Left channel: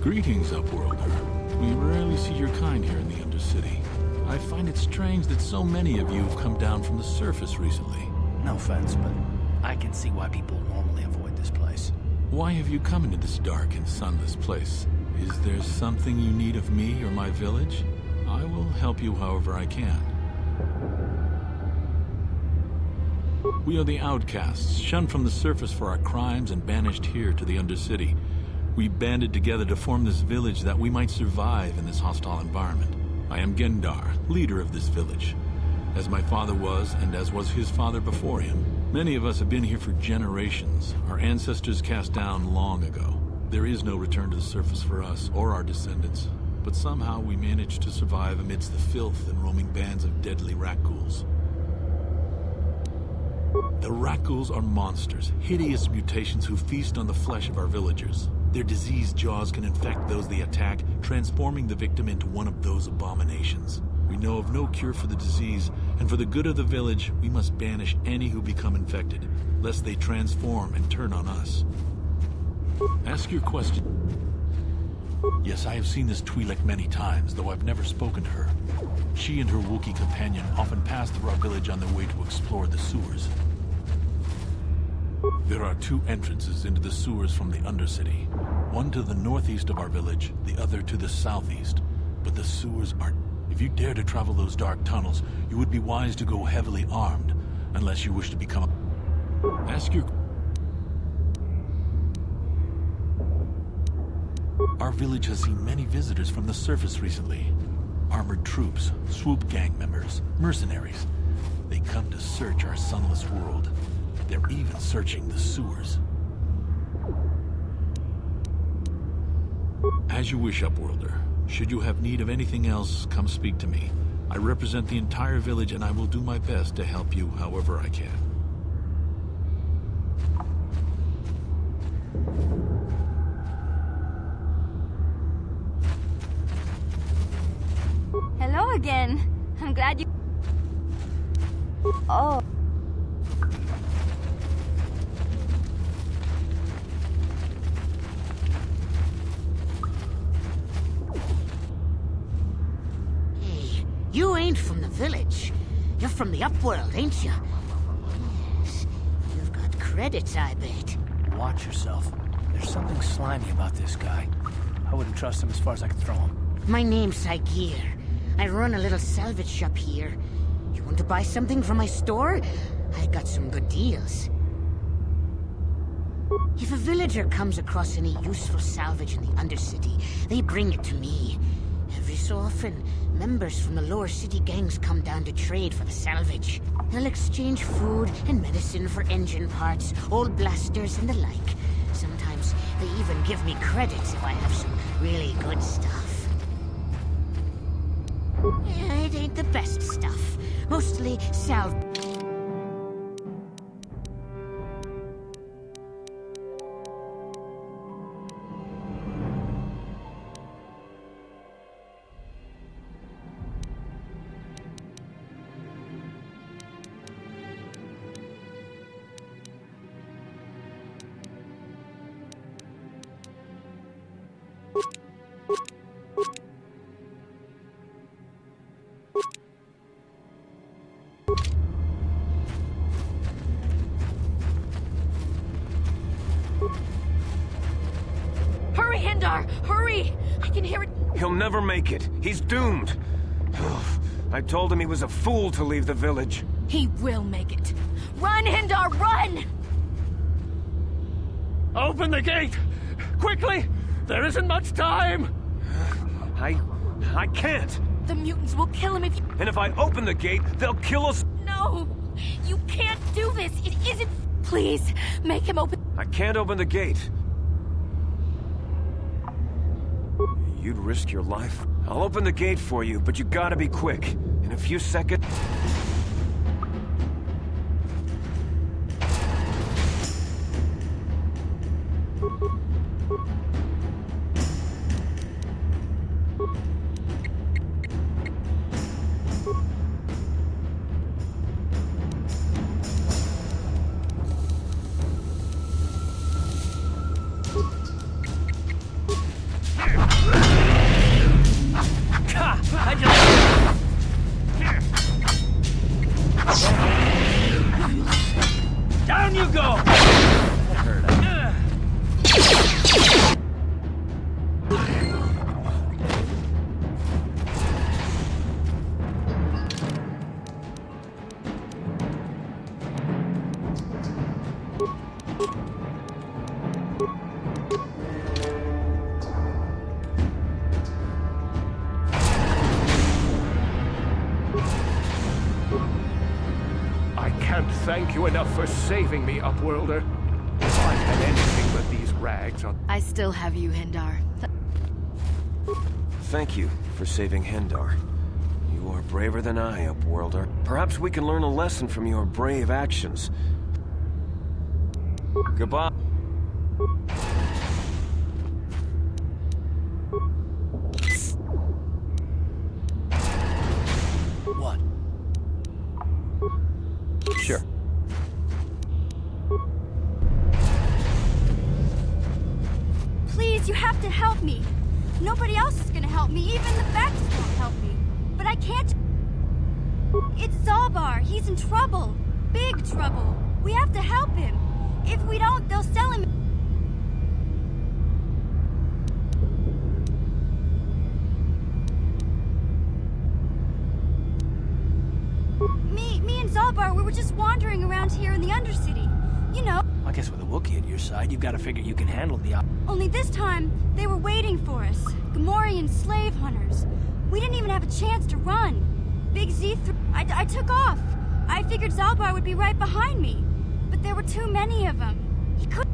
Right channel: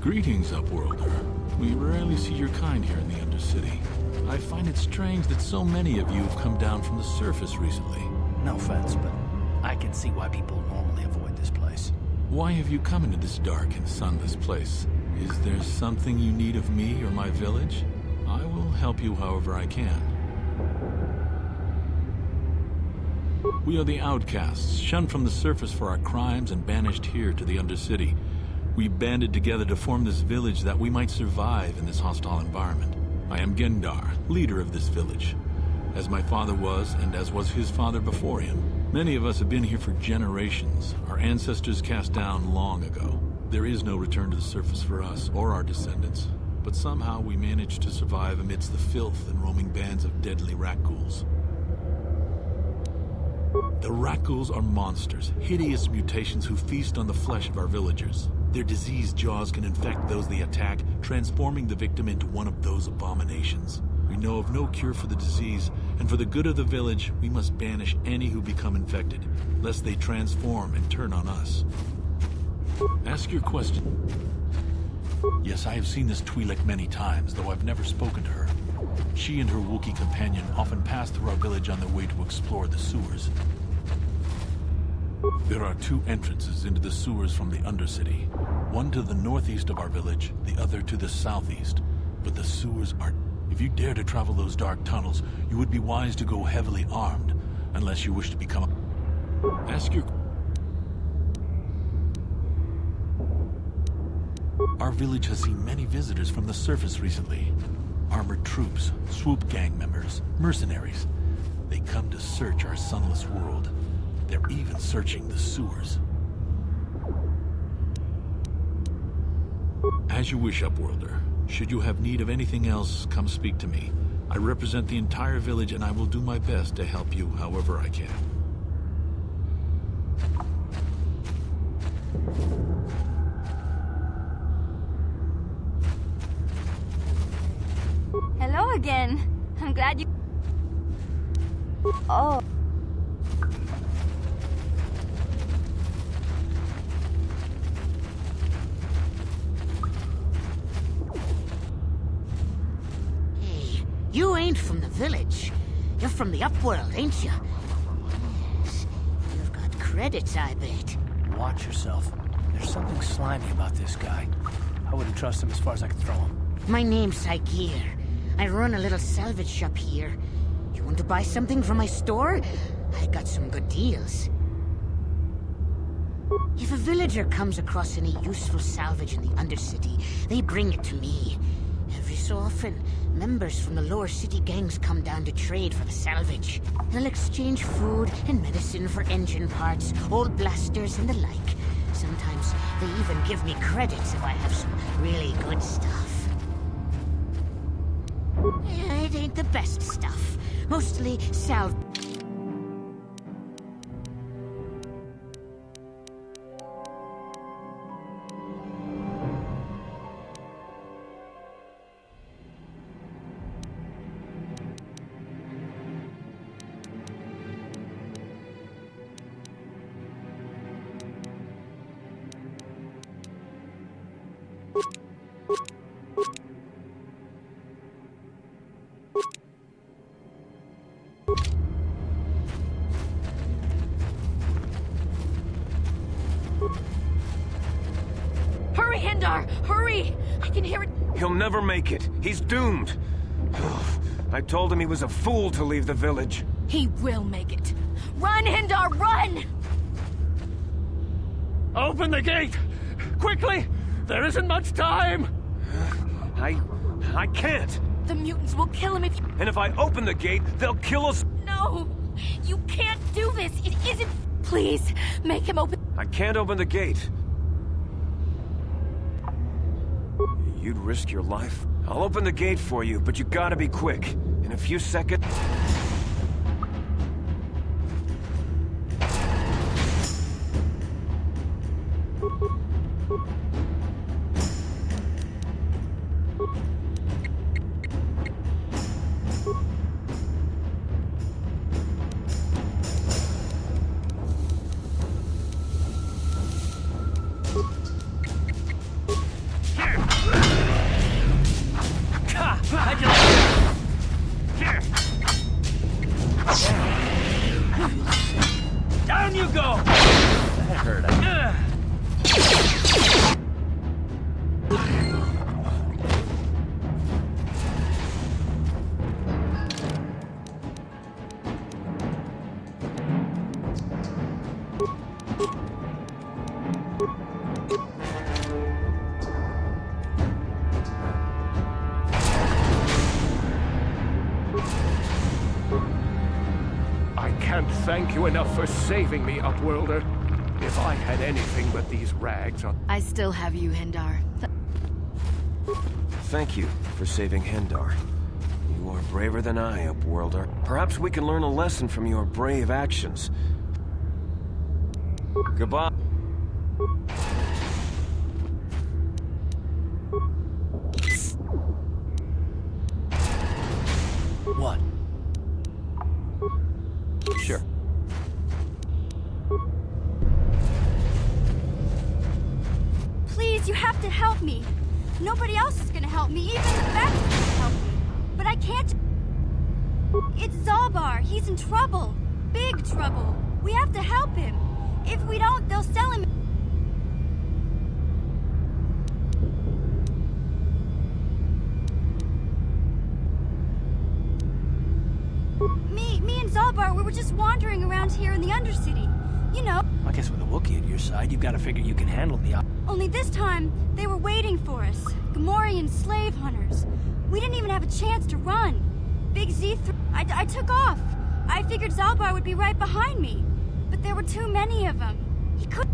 Greetings, Upworlder. We rarely see your kind here in the Undercity. I find it strange that so many of you have come down from the surface recently. No offense, but I can see why people normally avoid this place. Why have you come into this dark and sunless place? Is there something you need of me or my village? I will help you however I can. We are the outcasts, shunned from the surface for our crimes and banished here to the Undercity. We banded together to form this village that we might survive in this hostile environment. I am Gendar, leader of this village, as my father was and as was his father before him. Many of us have been here for generations, our ancestors cast down long ago. There is no return to the surface for us or our descendants, but somehow we managed to survive amidst the filth and roaming bands of deadly Rakghouls. The Rakghouls are monsters, hideous mutations who feast on the flesh of our villagers. Their diseased jaws can infect those they attack, transforming the victim into one of those abominations. We know of no cure for the disease, and for the good of the village, we must banish any who become infected, lest they transform and turn on us. Ask your question. Yes, I have seen this Twi'lek many times, though I've never spoken to her. She and her Wookiee companion often pass through our village on their way to explore the sewers. There are two entrances into the sewers from the Undercity. One to the northeast of our village, the other to the southeast. But the sewers are... If you dare to travel those dark tunnels, you would be wise to go heavily armed, unless you wish to become a... Ask your... Our village has seen many visitors from the surface recently. Armored troops, swoop gang members, mercenaries. They come to search our sunless world. They're even searching the sewers. As you wish, Upworlder. Should you have need of anything else, come speak to me. I represent the entire village and I will do my best to help you however I can. Hello again. I'm glad you... Oh. Hey, you ain't from the village. You're from the Upworld, ain't you? Yes, you've got credits, I bet. Watch yourself. There's something slimy about this guy. I wouldn't trust him as far as I could throw him. My name's Saigir. I run a little salvage shop here. You want to buy something from my store? I got some good deals. If a villager comes across any useful salvage in the Undercity, they bring it to me. Every so often, members from the lower city gangs come down to trade for the salvage. They'll exchange food and medicine for engine parts, old blasters, and the like. Sometimes they even give me credits if I have some really good stuff. Yeah, it ain't the best stuff. Mostly salvage. Hurry, Hendar! Hurry! I can hear it. He'll never make it. He's doomed. I told him he was a fool to leave the village. He will make it. Run, Hendar, run! Open the gate! Quickly! There isn't much time! I can't. The mutants will kill him if you... And if I open the gate, they'll kill us. No! You can't do this! It isn't... Please, make him open... I can't open the gate. You'd risk your life? I'll open the gate for you, but you gotta be quick. In a few seconds... Down you go! That hurt. I can't thank you enough for saving me, Upworlder. If I had anything but these rags on... I still have you, Hendar. Thank you for saving Hendar. You are braver than I, Upworlder. Perhaps we can learn a lesson from your brave actions. Goodbye. What? Sure. Please, you have to help me. Nobody else is gonna help me. Even the Vex won't help me. But I can't... It's Zalbar. He's in trouble. Big trouble. We have to help him. If we don't, they'll sell him... Me and Zalbar, we were just wandering around here in the Undercity. You know, I guess with a Wookiee at your side, you've got to figure you can handle the... only this time, they were waiting for us. Gamorrean slave hunters. We didn't even have a chance to run. Big Z I took off. I figured Zalbar would be right behind me. But there were too many of them. He could...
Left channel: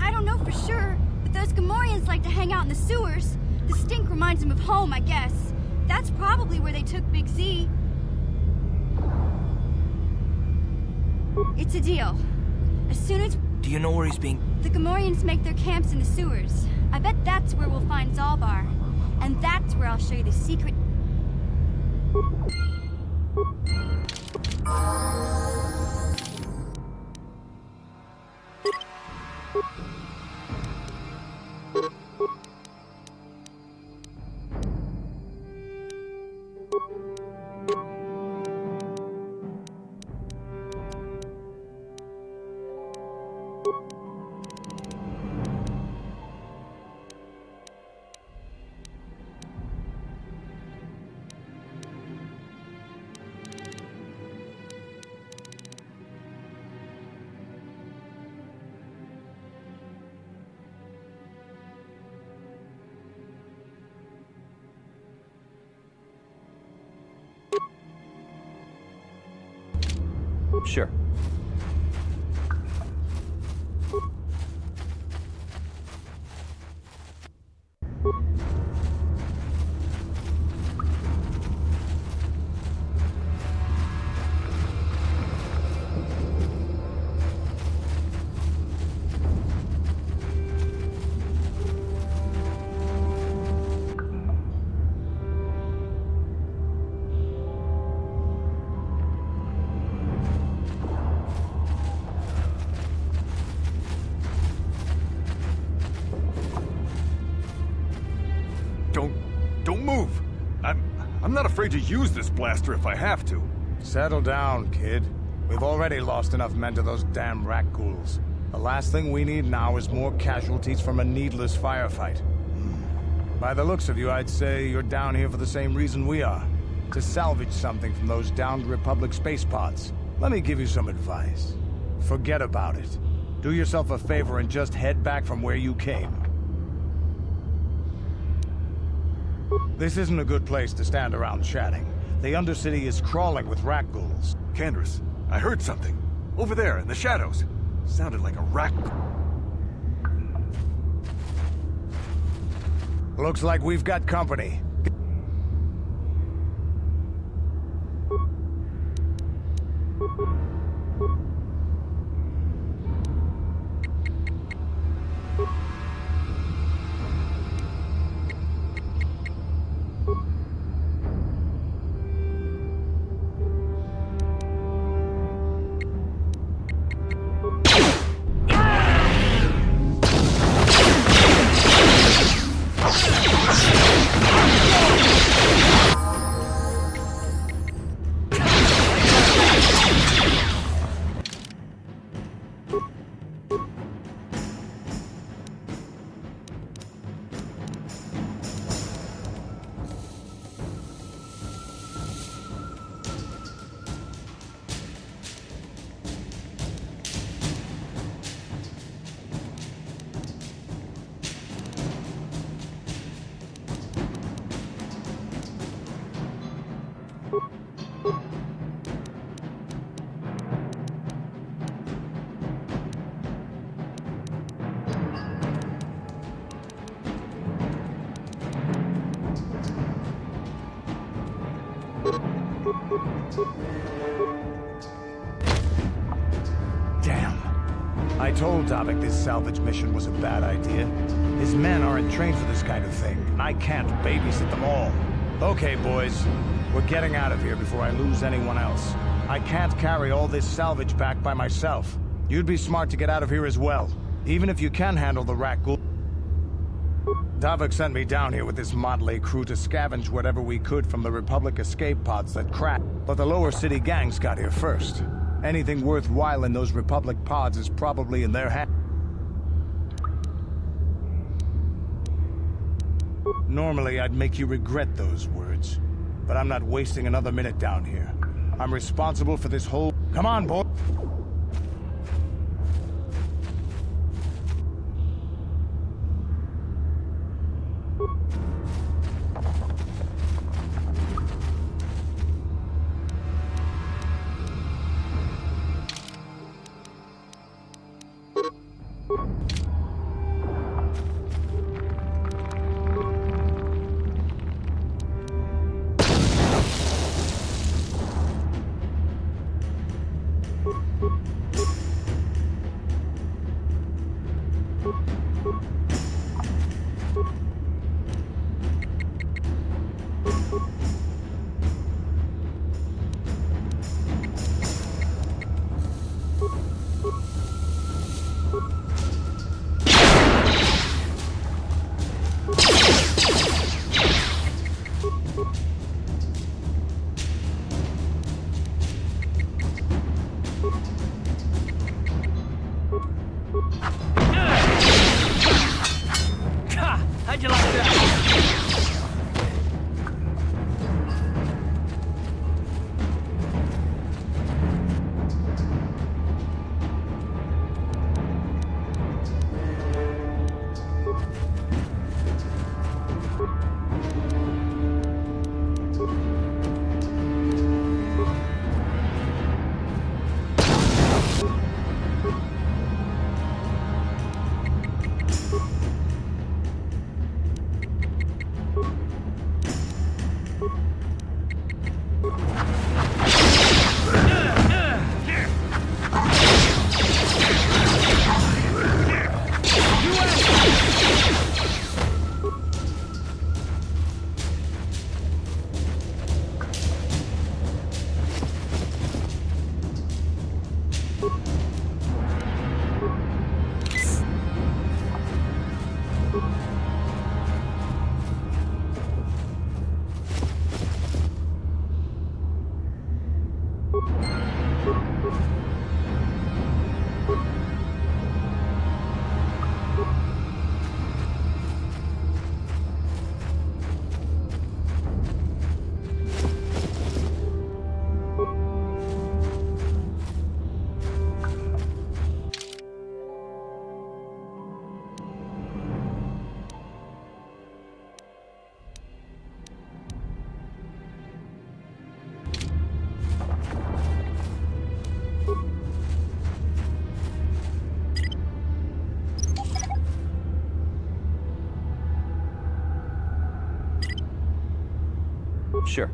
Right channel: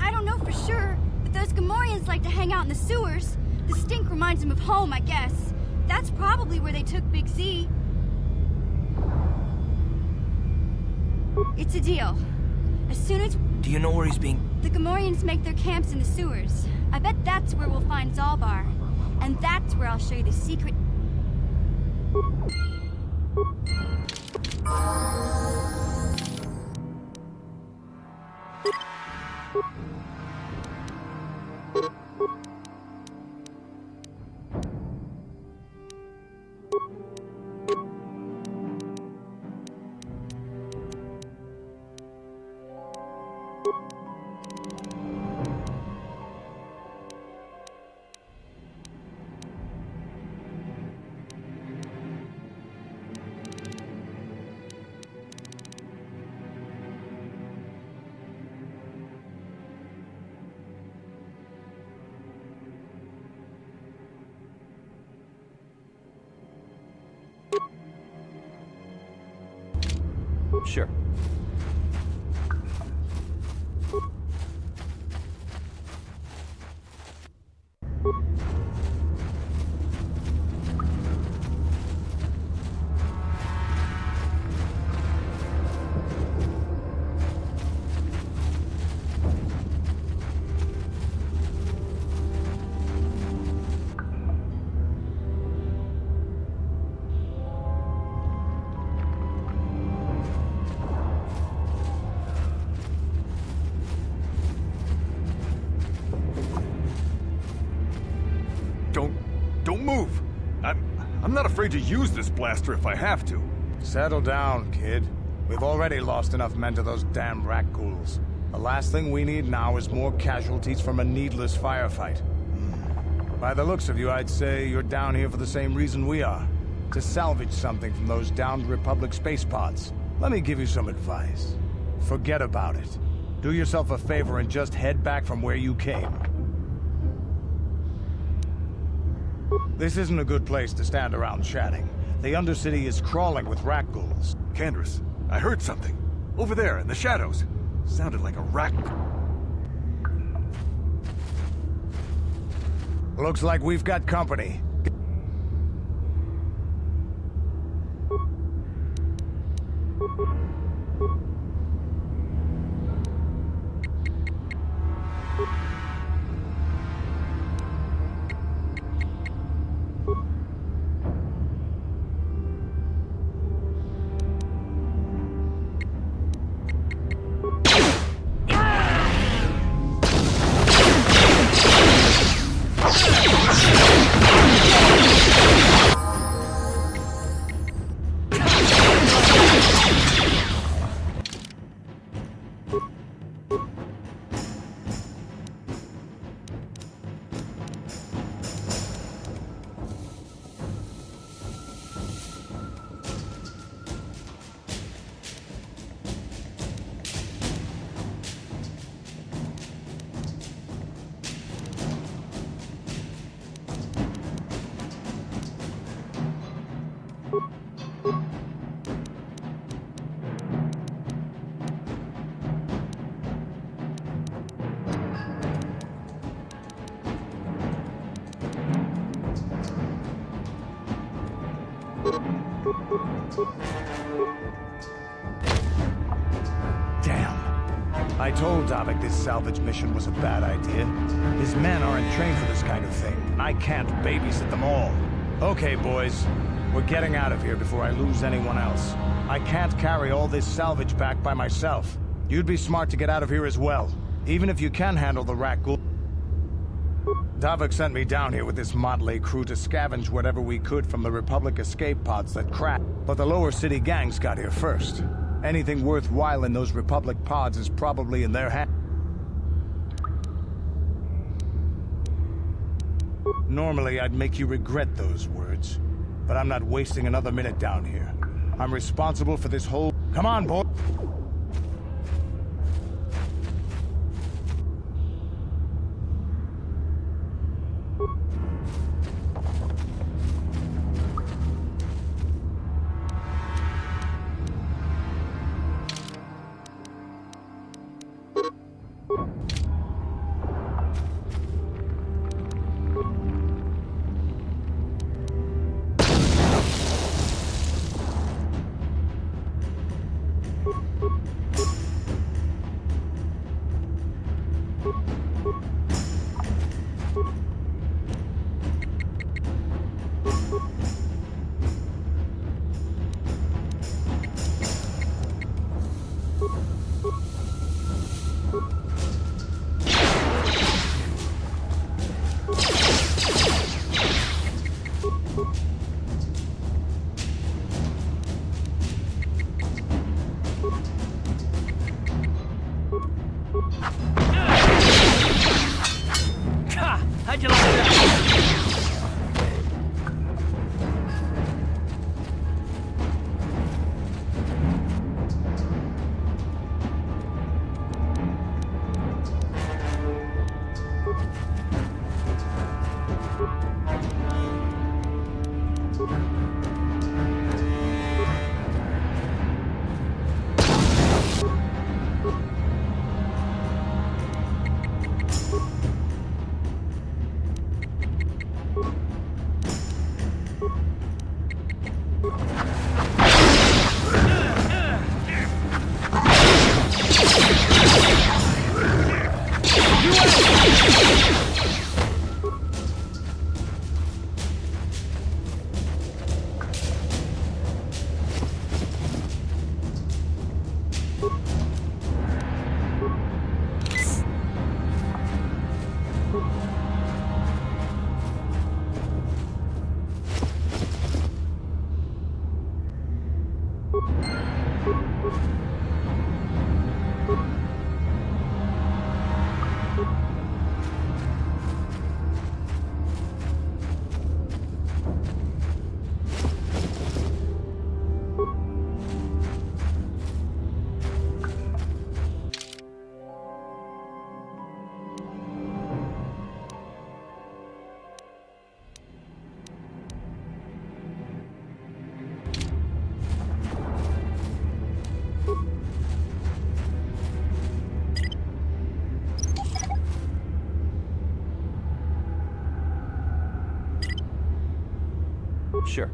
I don't know for sure, but those Gamorreans like to hang out in the sewers. The stink reminds them of home, I guess. That's probably where they took Big Z. It's a deal. As soon as... Do you know where he's being... The Gamorreans make their camps in the sewers. I bet that's where we'll find Zalbar. And that's where I'll show you the secret... Sure. Don't move! I'm not afraid to use this blaster if I have to. Settle down, kid. We've already lost enough men to those damn Rakghouls. The last thing we need now is more casualties from a needless firefight. By the looks of you, I'd say you're down here for the same reason we are. To salvage something from those downed Republic space pods. Let me give you some advice. Forget about it. Do yourself a favor and just head back from where you came. This isn't a good place to stand around chatting. The Undercity is crawling with Rakghouls. Candace, I heard something. Over there, in the shadows. Sounded like a rak... Looks like we've got company. Damn. I told Davik this salvage mission was a bad idea. His men aren't trained for this kind of thing, and I can't babysit them all. Okay, boys. We're getting out of here before I lose anyone else. I can't carry all this salvage back by myself. You'd be smart to get out of here as well, even if you can handle the rat ghoul. Davik sent me down here with this motley crew to scavenge whatever we could from the Republic escape pods that crashed. But the lower city gangs got here first. Anything worthwhile in those Republic pods is probably in their hands. Normally, I'd make you regret those words. But I'm not wasting another minute down here. I'm responsible for this whole... Come on, boy! How'd you like that? Sure.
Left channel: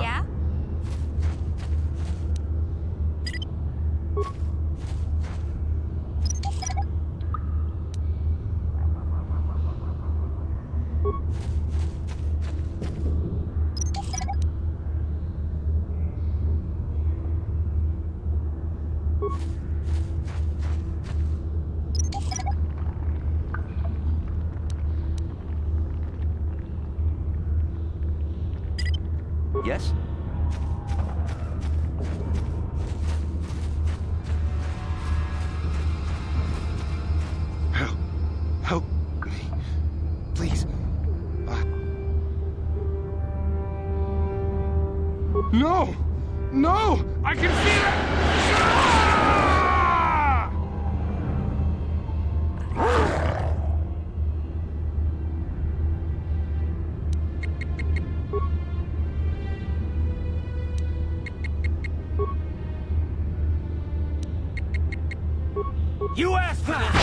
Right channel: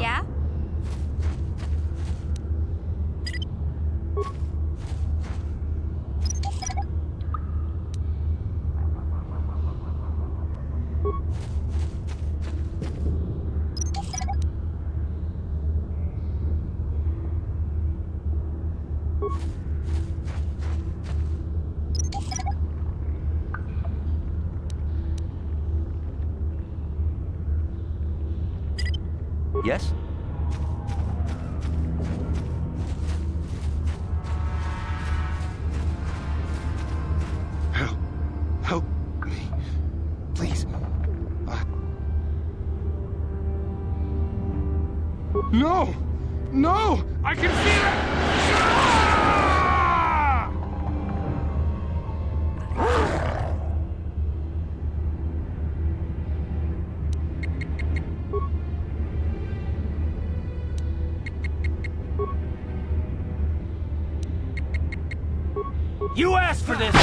Yeah? Yes? Help me. Please. No! No! I can feel it! You asked for this!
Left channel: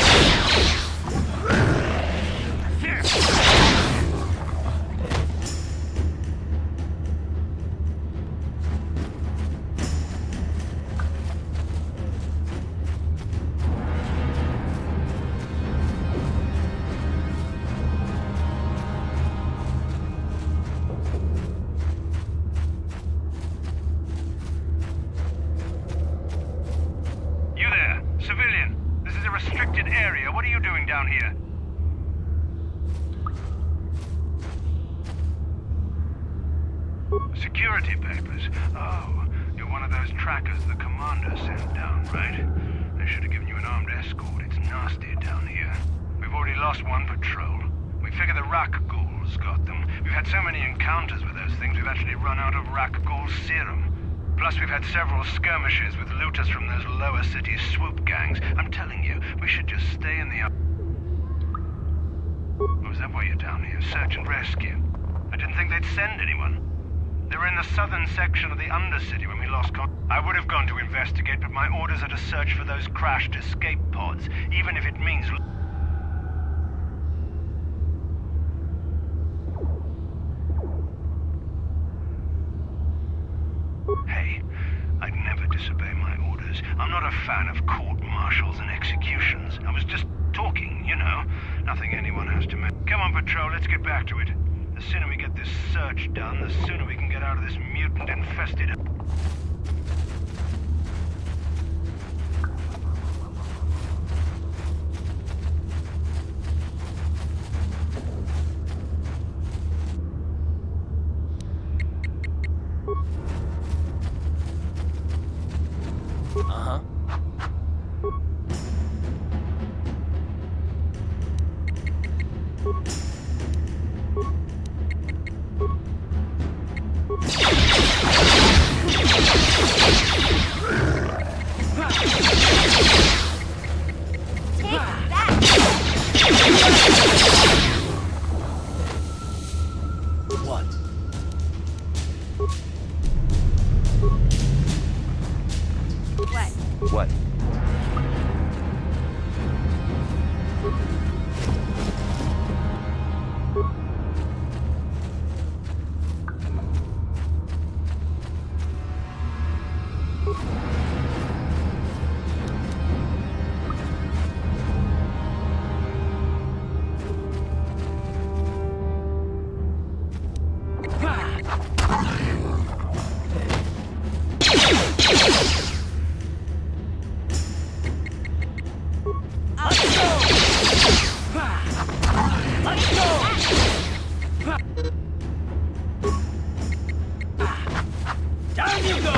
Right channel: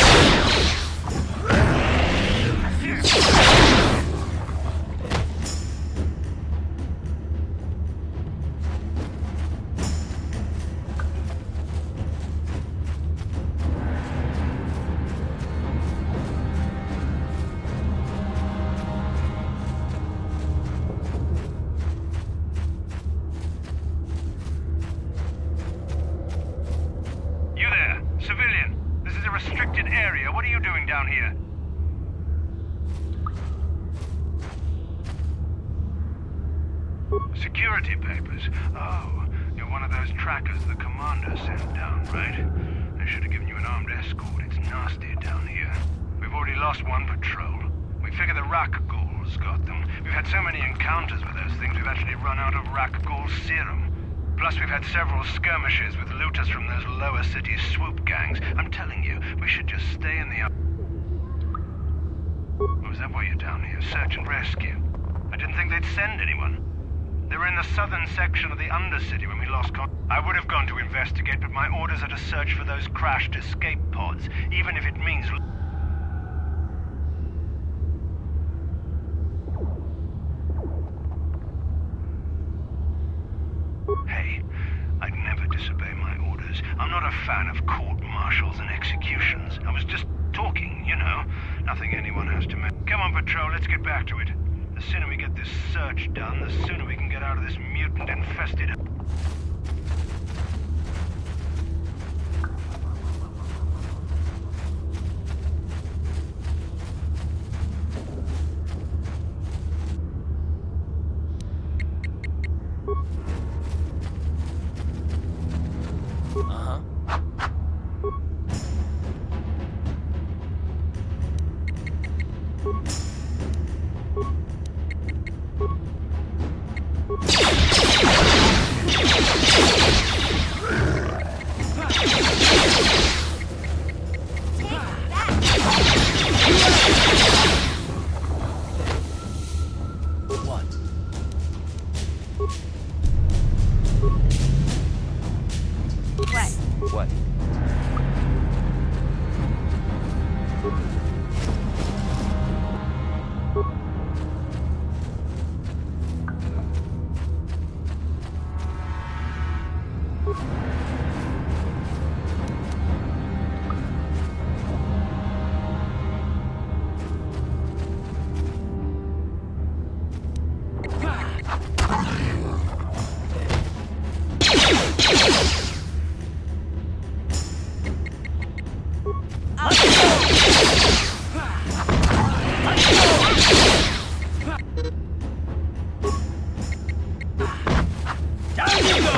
You there, civilian. This is a restricted area. What are you doing down here? Security papers. Oh, you're one of those trackers the commander sent down, right? They should have given you an armed escort. It's nasty down here. We've already lost one patrol. We figure the Rak ghouls got them. We've had so many encounters with those things, we've actually run out of Rak ghoul serum. Plus, we've had several skirmishes with looters from those lower city swoop gangs. I'm telling you, we should just stay in the... Oh, is that why you're down here? Search and rescue? I didn't think they'd send anyone. They were in the southern section of the Undercity when we lost I would have gone to investigate, but my orders are to search for those crashed escape pods, even if it means... Hey, I'd never disobey my orders. I'm not a fan of court-martials and executions. I was just talking, you know. Nothing anyone has to make. Come on, Patrol, let's get back to it. The sooner we get this search done, the sooner we can get out of this mutant-infested... Uh-huh. What? What? What? Down you go!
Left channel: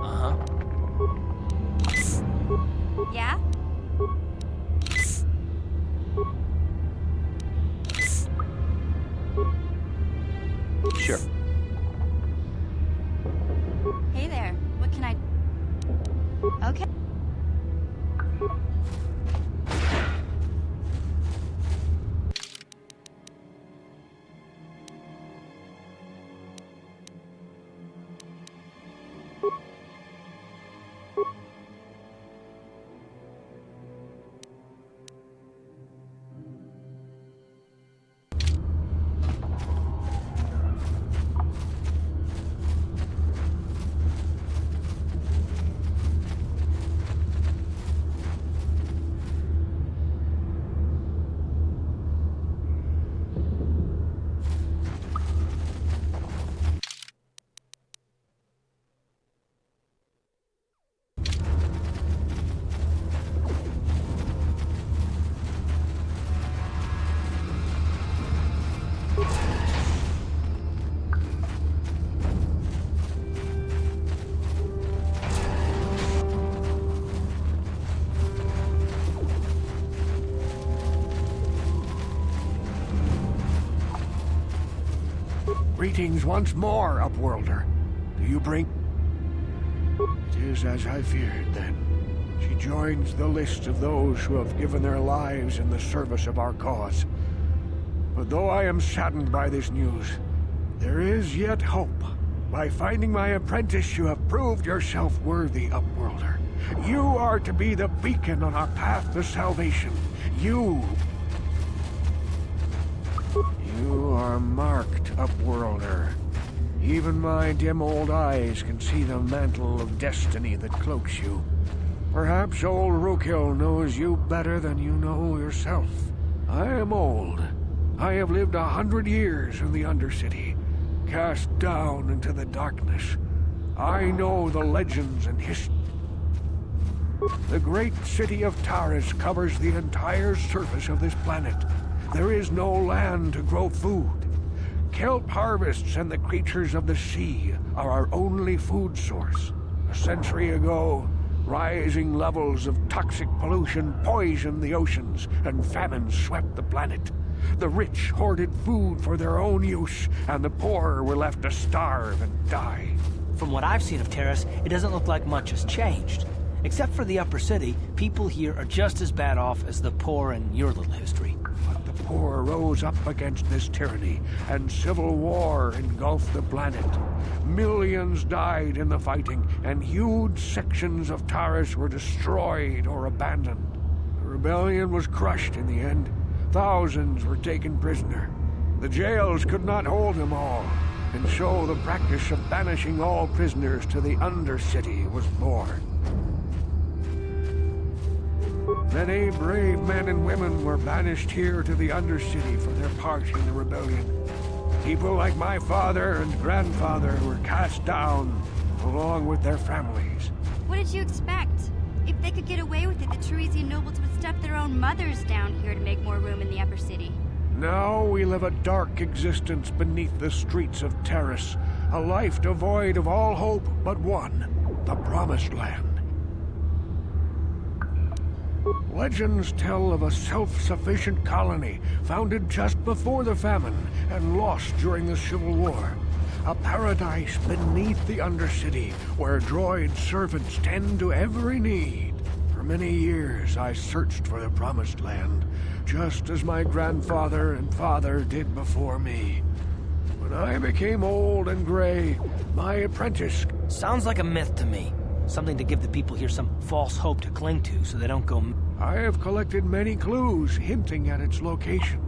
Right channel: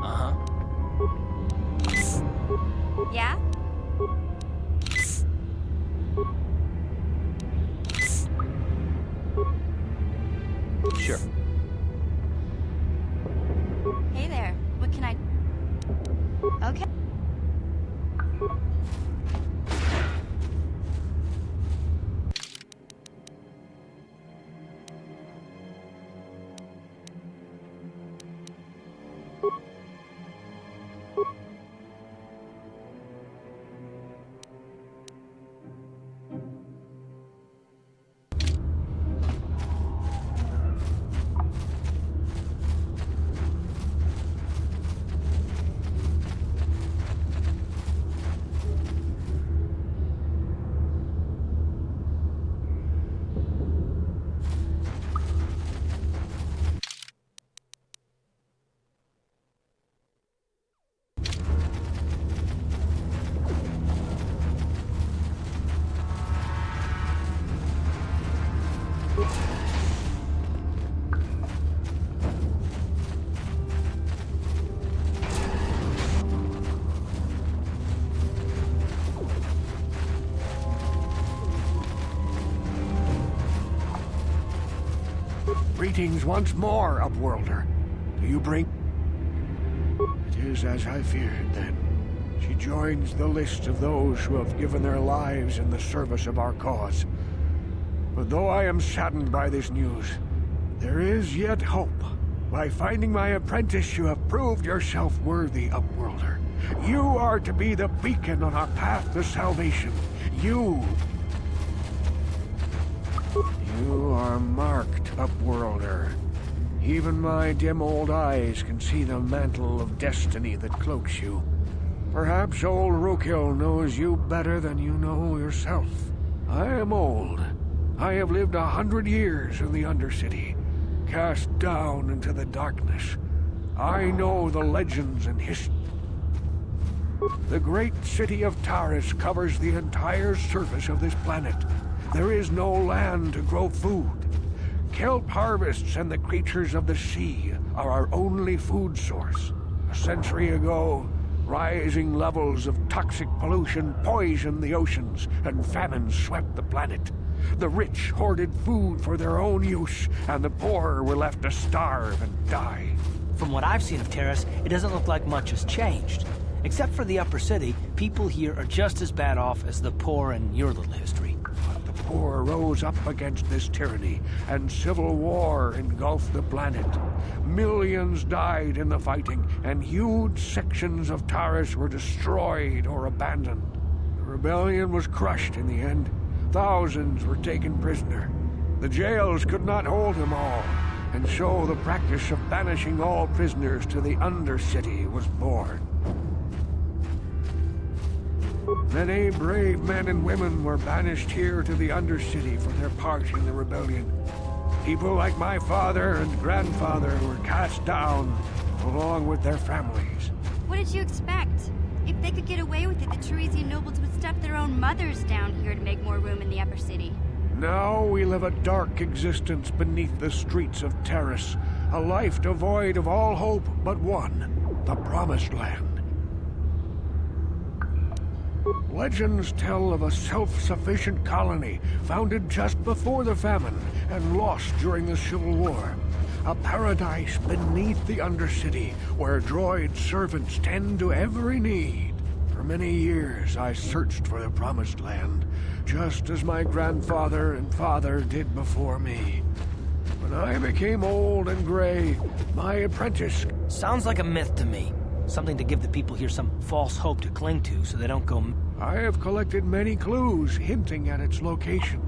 Uh-huh. Yeah? Sure. Hey there. What can I... Okay. Greetings once more, Upworlder. Do you bring... It is as I feared, then. She joins the list of those who have given their lives in the service of our cause. But though I am saddened by this news, there is yet hope. By finding my apprentice, you have proved yourself worthy, Upworlder. You are to be the beacon on our path to salvation. You are marked, Upworlder. Even my dim old eyes can see the mantle of destiny that cloaks you. Perhaps old Rookhill knows you better than you know yourself. I am old. I have lived 100 years in the Undercity, cast down into the darkness. I know the legends and history. The great city of Taris covers the entire surface of this planet. There is no land to grow food. Kelp harvests and the creatures of the sea are our only food source. A century ago, rising levels of toxic pollution poisoned the oceans, and famine swept the planet. The rich hoarded food for their own use, and the poor were left to starve and die. From what I've seen of Taris, it doesn't look like much has changed. Except for the upper city, people here are just as bad off as the poor in your little history. But the poor rose up against this tyranny, and civil war engulfed the planet. Millions died in the fighting, and huge sections of Taris were destroyed or abandoned. The rebellion was crushed in the end. Thousands were taken prisoner. The jails could not hold them all, and so the practice of banishing all prisoners to the Undercity was born. Many brave men and women were banished here to the Undercity for their part in the rebellion. People like my father and grandfather were cast down, along with their families. What did you expect? If they could get away with it, the Teresian nobles would stuff their own mothers down here to make more room in the upper city. Now we live a dark existence beneath the streets of Taris, a life devoid of all hope but one, the Promised Land. Legends tell of a self-sufficient colony founded just before the famine and lost during the Civil War. A paradise beneath the Undercity where droid servants tend to every need. For many years I searched for the Promised Land, just as my grandfather and father did before me. When I became old and gray, my apprentice... Sounds like a myth to me. Something to give the people here some false hope to cling to so they don't go... I have collected many clues hinting at its location.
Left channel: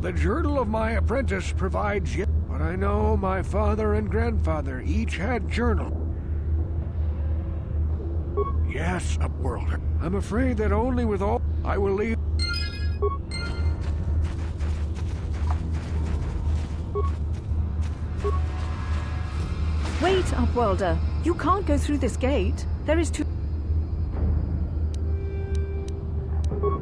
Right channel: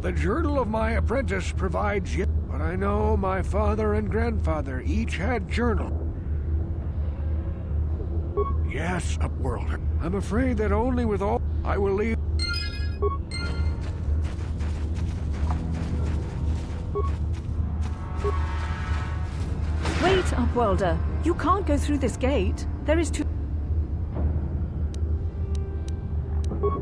The journal of my apprentice provides yet, but I know my father and grandfather each had journal. Yes, Upworlder. I'm afraid that only with all I will leave. Wait, Upworlder. You can't go through this gate. There is too...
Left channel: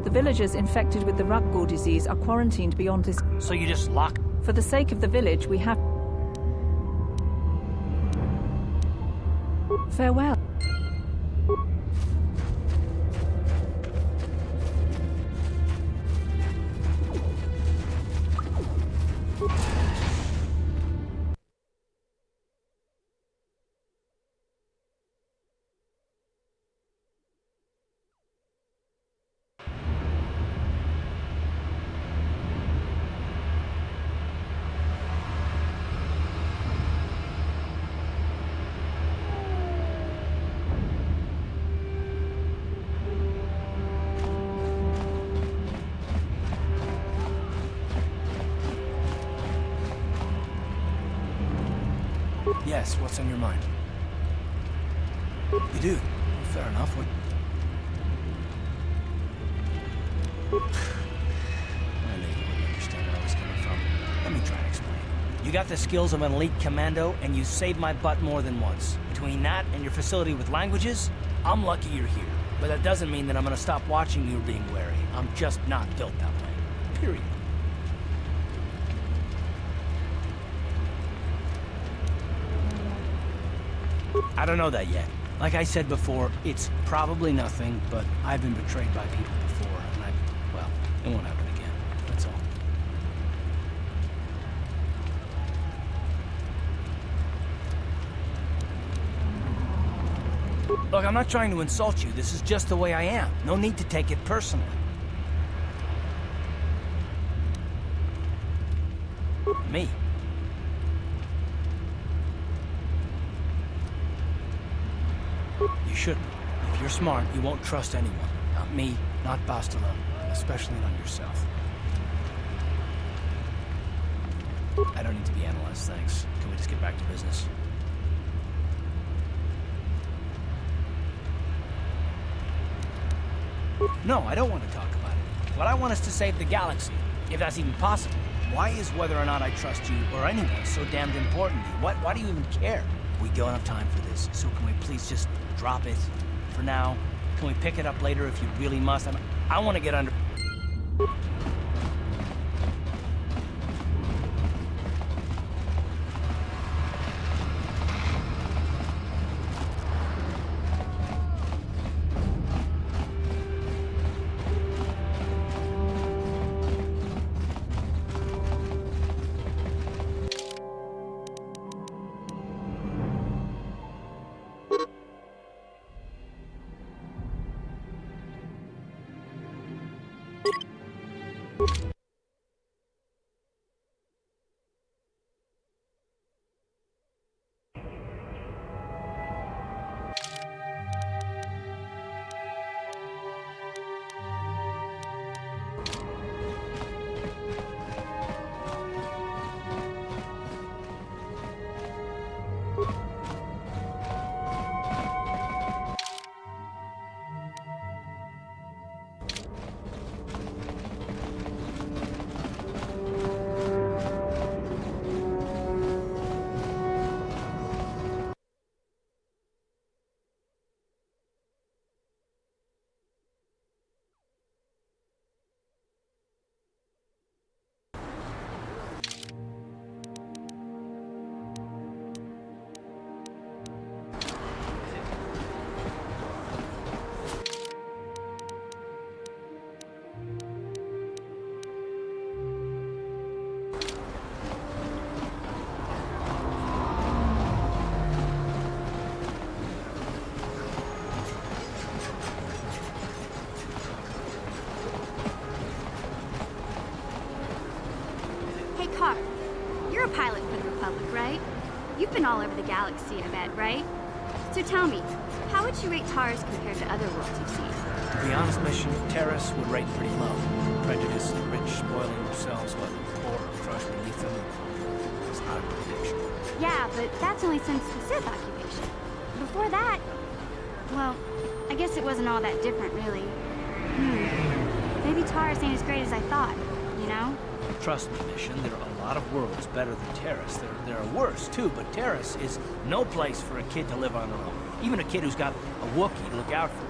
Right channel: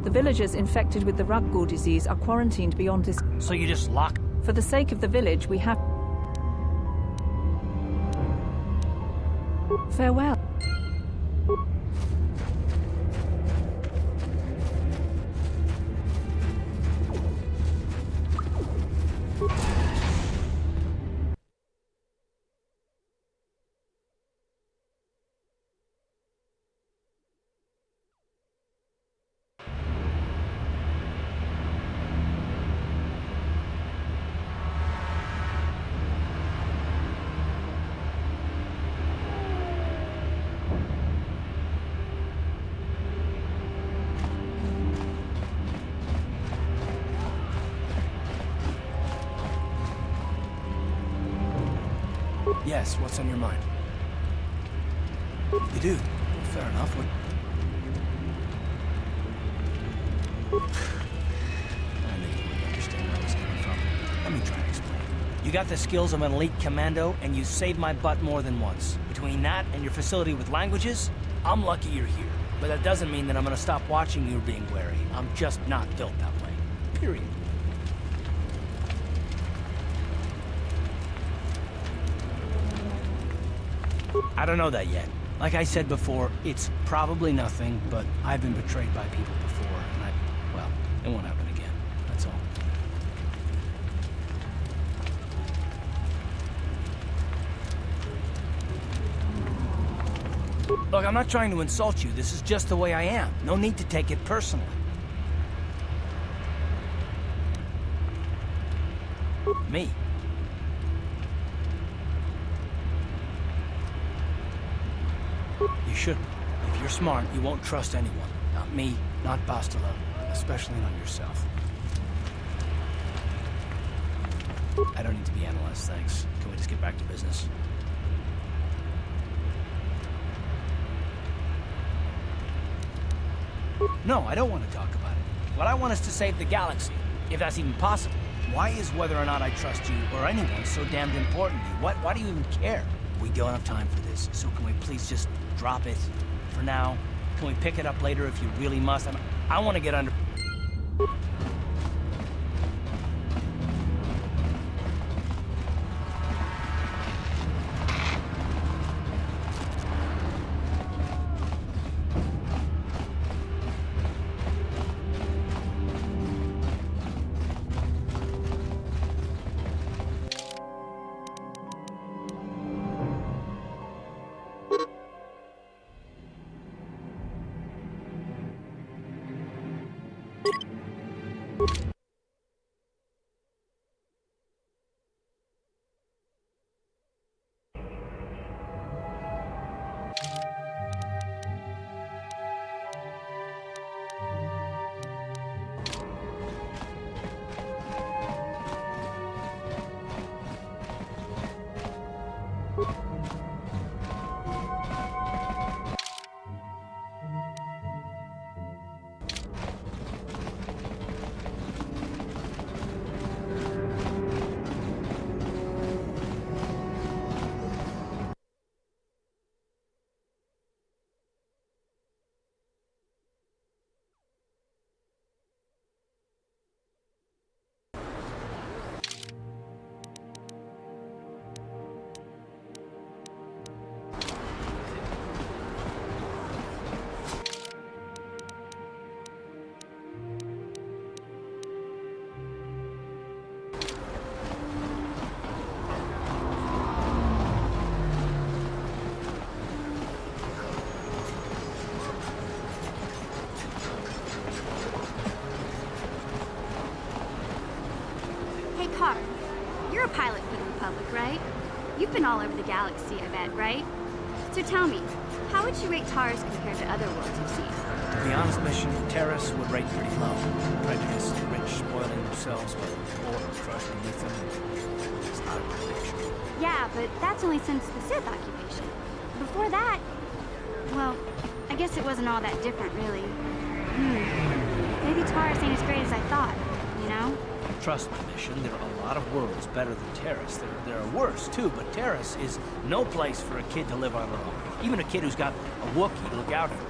The villagers infected with the Ruggur disease are quarantined beyond this... So you just lock... For the sake of the village, we have... Farewell. Yes, what's on your mind? You do? Well, fair enough. I knew you wouldn't understand where I was coming from. Let me try to explain. You got the skills of an elite commando, and you saved my butt more than once. Between that and your facility with languages, I'm lucky you're here. But that doesn't mean that I'm gonna stop watching you being wary. I'm just not built that way. Period. I don't know that yet. Like I said before, it's probably nothing, but I've been betrayed by people before, and well, it won't happen again. That's all. Look, I'm not trying to insult you. This is just the way I am. No need to take it personally. Me. You shouldn't. If you're smart, you won't trust anyone. Not me, not Bastila, and especially not yourself. I don't need to be analyzed, thanks. Can we just get back to business? No, I don't want to talk about it. What I want is to save the galaxy, if that's even possible. Why is whether or not I trust you or anyone so damned important to you? Why do you even care? We don't have time for this, so can we please just drop it for now? Can we pick it up later if you really must? I want to get under... Car, you're a pilot for the Republic, right? You've been all over the galaxy, I bet, right? So tell me, how would you rate Taris compared to other worlds you've seen? To be honest, Mission, Taris would rate pretty low. Prejudiced, rich, spoiling themselves while the poor are crushed beneath them. It's not a good picture. Yeah, but that's only since the Sith occupation. Before that, well, I guess it wasn't all that different, really. Maybe Taris ain't as great as I thought, you know? Trust me, Mission, there are a lot of worlds better than Taris. There are worse, too, but Taris is no place for a kid to live on her own. Even a kid who's got a Wookiee to look out for.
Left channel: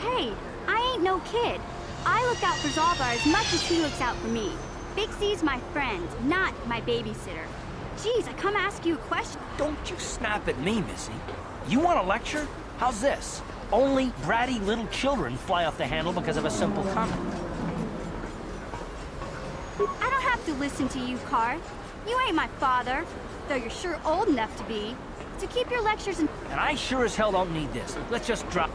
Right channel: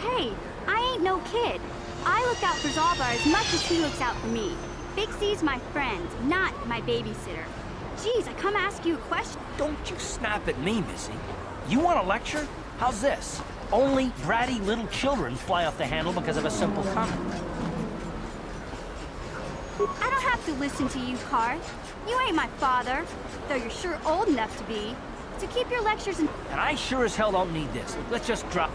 Hey, I ain't no kid. I look out for Zalbar as much as he looks out for me. Big C's my friend, not my babysitter. Jeez, I come ask you a question. Don't you snap at me, Missy. You want a lecture? How's this? Only bratty little children fly off the handle because of a simple comment. I don't have to listen to you, Car. You ain't my father, though you're sure old enough to be. So keep your lectures and... And I sure as hell don't need this. Let's just drop...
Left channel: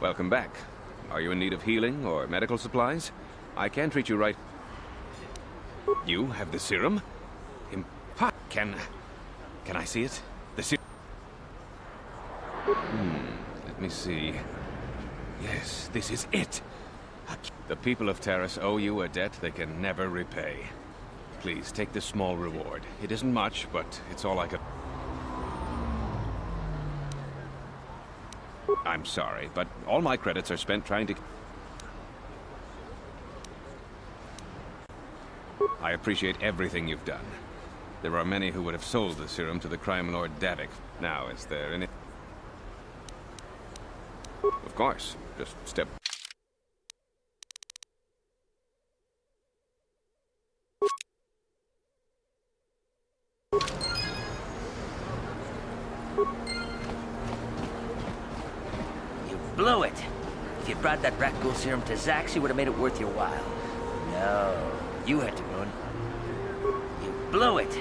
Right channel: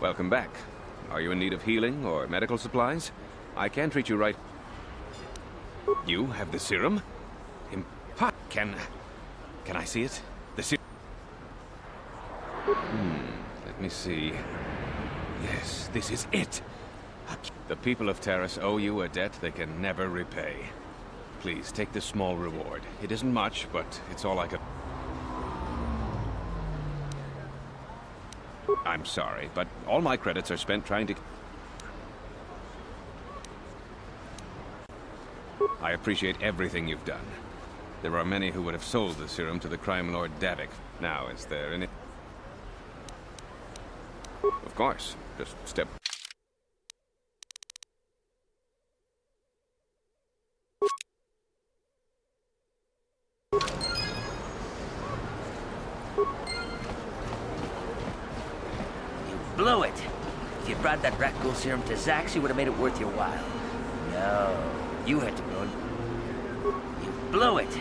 Welcome back. Are you in need of healing or medical supplies? I can treat you right... You have the serum? Can I see it? The serum... Let me see... Yes, this is it! The people of Taris owe you a debt they can never repay. Please, take this small reward. It isn't much, but it's all I can... I'm sorry, but all my credits are spent trying to... I appreciate everything you've done. There are many who would have sold the serum to the crime lord Davik. Now, is there any... Of course. Just step... You blew it. If you brought that rat ghoul serum to Zax, you would have made it worth your while. No, you had to go and... You blew it.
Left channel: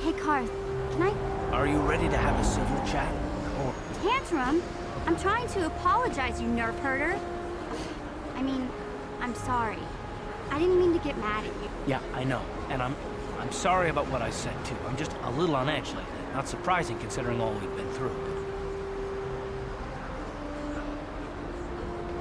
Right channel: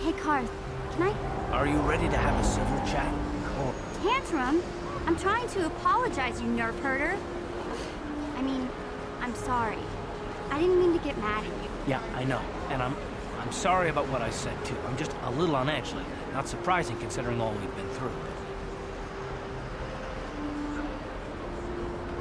Hey, Karth, can I... Are you ready to have a civil chat? Or... Tantrum? I'm trying to apologize, you nerve herder. I mean, I'm sorry. I didn't mean to get mad at you. Yeah, I know. And I'm sorry about what I said, too. I'm just a little on edge lately. Not surprising considering all we've been through,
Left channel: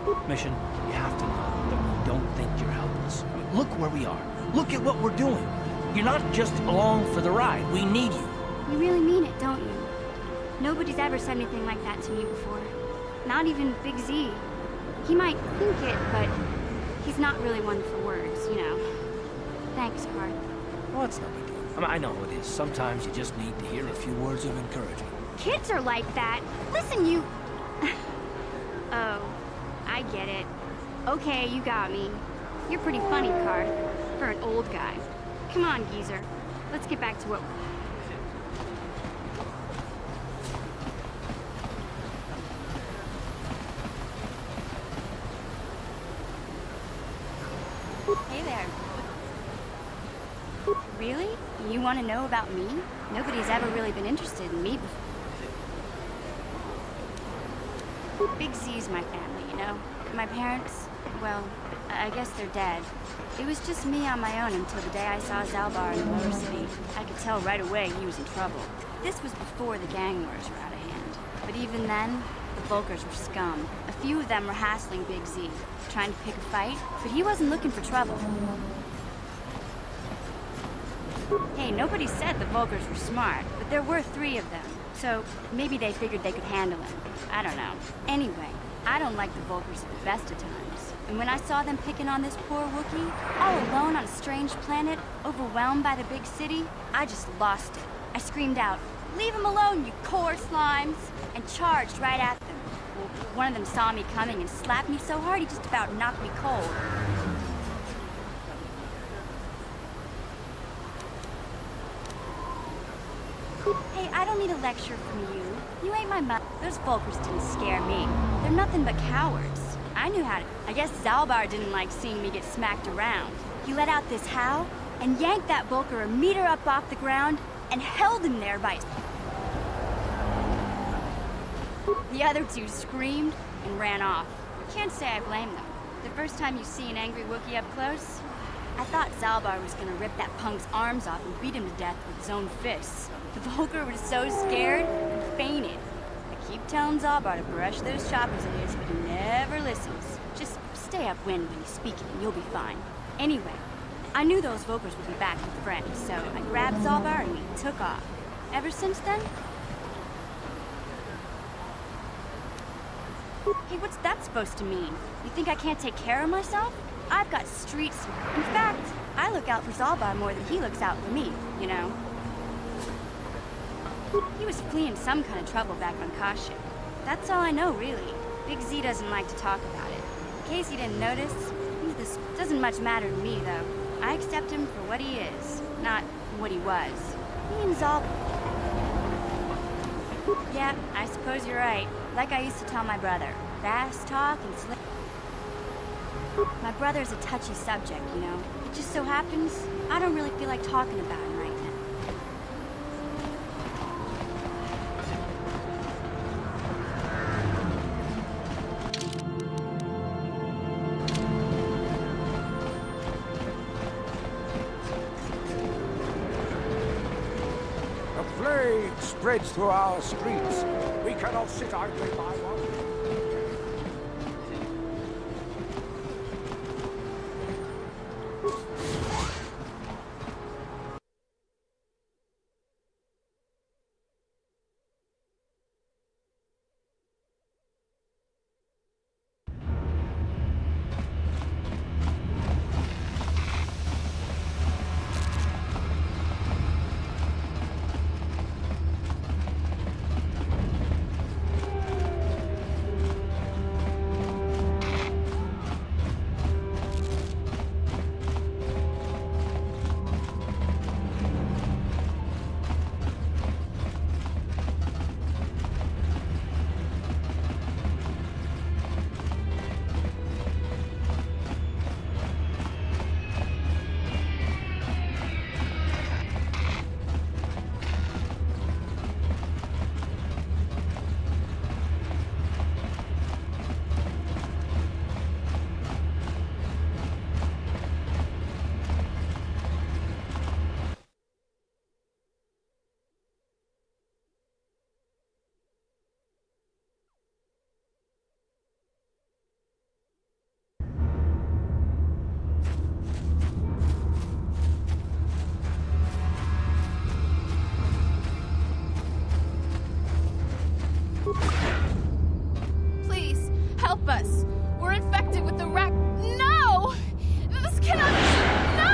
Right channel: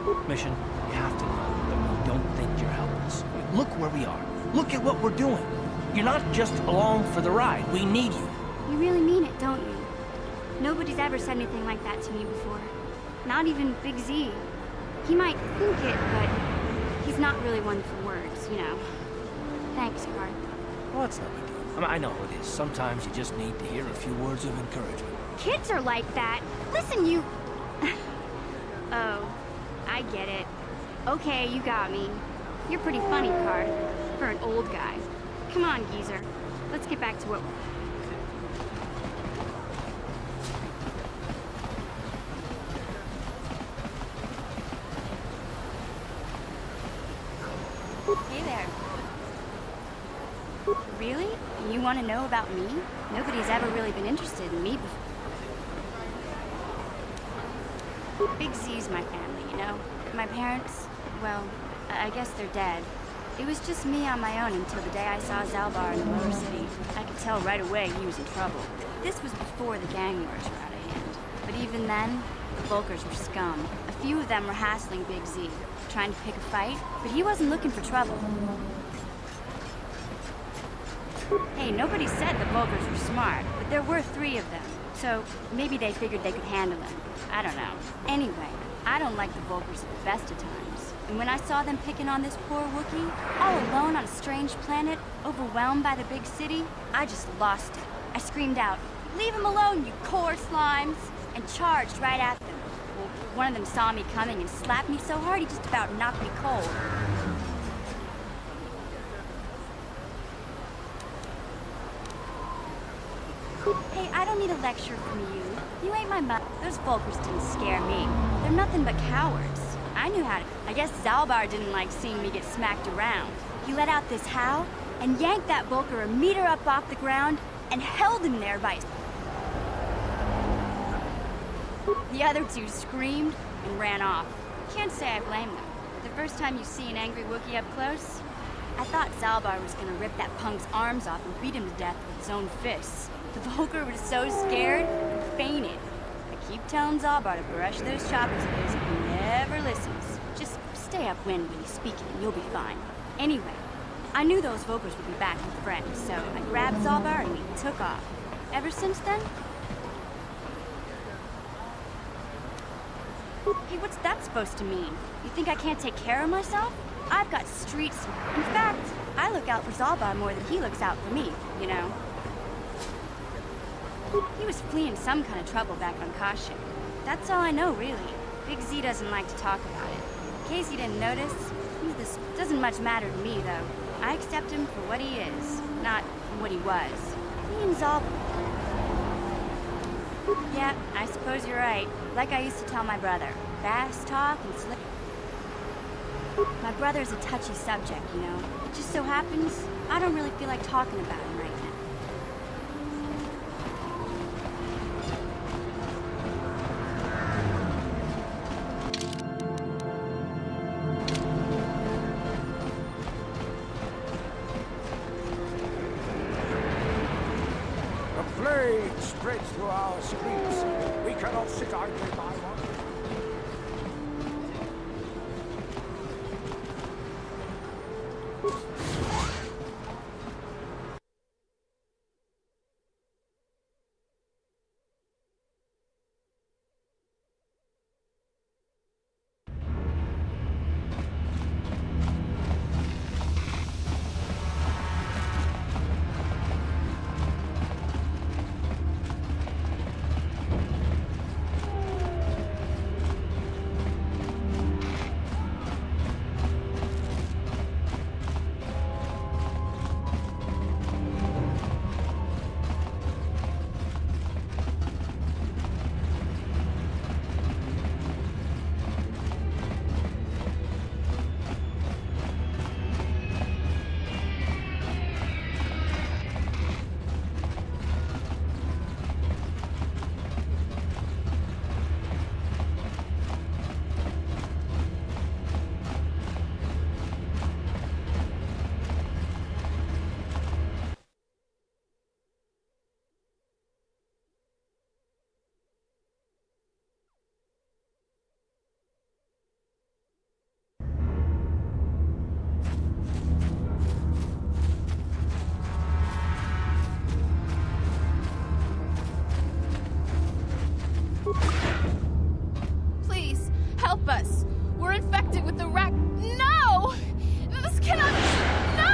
but... Mission, you have to know that we don't think you're helpless. Look where we are. Look at what we're doing. You're not just along for the ride. We need you. You really mean it, don't you? Nobody's ever said anything like that to me before. Not even Big Z. He might think it, but he's not really one for words, you know. Thanks, Karth. Well, it's no big deal. I mean, I know it is. Sometimes you just need to hear a few words of encouragement. Kids are like that. Listen, you... Oh, I get it. Okay, you got me. You're pretty funny, Karth, for an old guy. Come on, geezer. Let's get back to what... Hey there. Really? You want to know about me? Nobody's ever really been interested in me before. Big Z's my family, you know? My parents, well, I guess they're dead. It was just me on my own until the day I saw Zalbar in the lower city. I could tell right away he was in trouble. This was before the gang wars were out of hand. But even then, the Volkers were scum. A few of them were hassling Big Z, trying to pick a fight, but he wasn't looking for trouble. Hey, nobody said the Volkers were smart, but there were 3 of them. So maybe they figured they could handle him. I don't know. Anyway, I don't like the Volkers at the best of times. And when I saw them picking on this poor Wookiee, all alone on a strange planet, overwhelmed by the big city, I just lost it. I screamed out, "Leave him alone, you core slimes!" and charged right at them. Well, one of them saw me coming and slapped me so hard he just about knocked me cold. Hey, I don't need a lecture from you. You ain't my mother. Those Volkers didn't scare me. They're nothing but cowards. I knew how to... I guess Zalbar didn't like seeing me get smacked around. He let out this howl and yanked that Volker a meter up off the ground and held him there by his... The other 2 screamed and ran off. Can't say I blame them. The first time you see an angry Wookiee up close, I thought Zalbar was gonna rip that punk's arms off and beat him to death with his own fists. The Volker was so scared and fainted. I keep telling Zalbar to brush those choppers of his, but he never listens. Just stay upwind when he's speaking and you'll be fine. Anyway, I knew those Volkers would be back with friends, so I grabbed Zalbar and we took off. Ever since then... Hey, what's that supposed to mean? You think I can't take care of myself? I've got streets. In fact, I look out for Zalbar more than he looks out for me, you know? He was fleeing some kind of trouble back on Kashyyyk. That's all I know, really. Big Z doesn't like to talk about it. In case you didn't notice, this doesn't much matter to me, though. I accept him for what he is, not what he was. He and Zalbar... Yeah, I suppose you're right. Like I used to tell my brother. Fast talk and slick... My brother's a touchy subject, you know. It just so happens, I don't really feel like talking about him right now. The plague spreads through our streets. We cannot sit idly by one. Please, help us. We're infected with the rat. No! This cannot. No!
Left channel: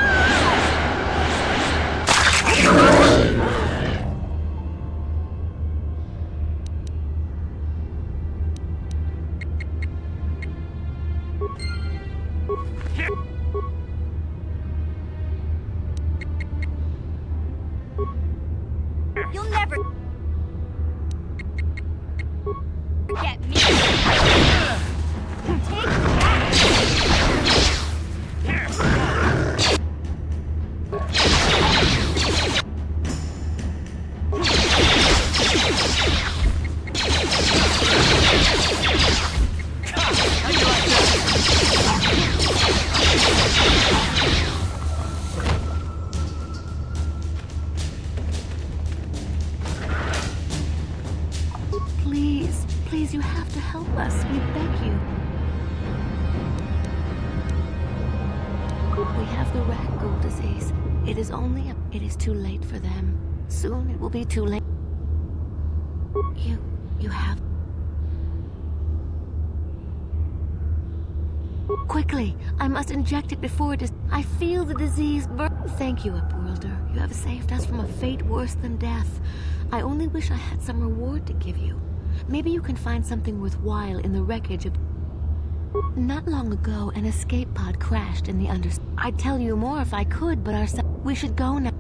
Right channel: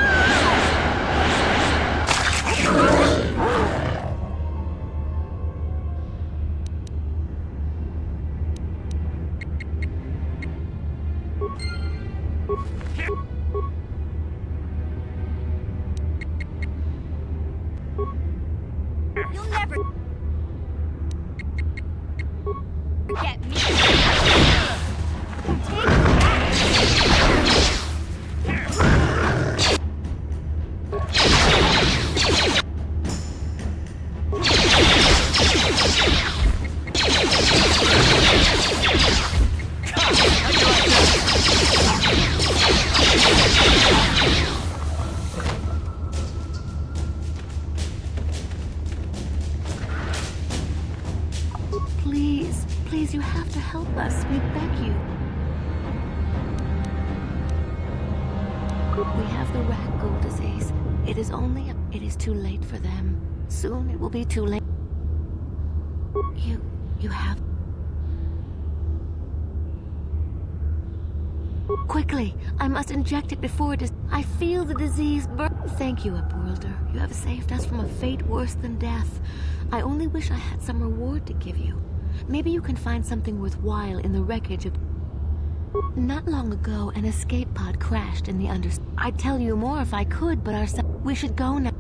You'll never get me. Take Please, please, you have to help us. We beg you. We have the rat ghoul disease. It is too late for them. Soon it will be too late. You have... Quickly! I must inject it before it is... I feel the disease burn... Thank you, Upworlder. You have saved us from a fate worse than death. I only wish I had some reward to give you. Maybe you can find something worthwhile in the wreckage of... Not long ago, an escape pod crashed in the I'd tell you more if I could, but we should go now.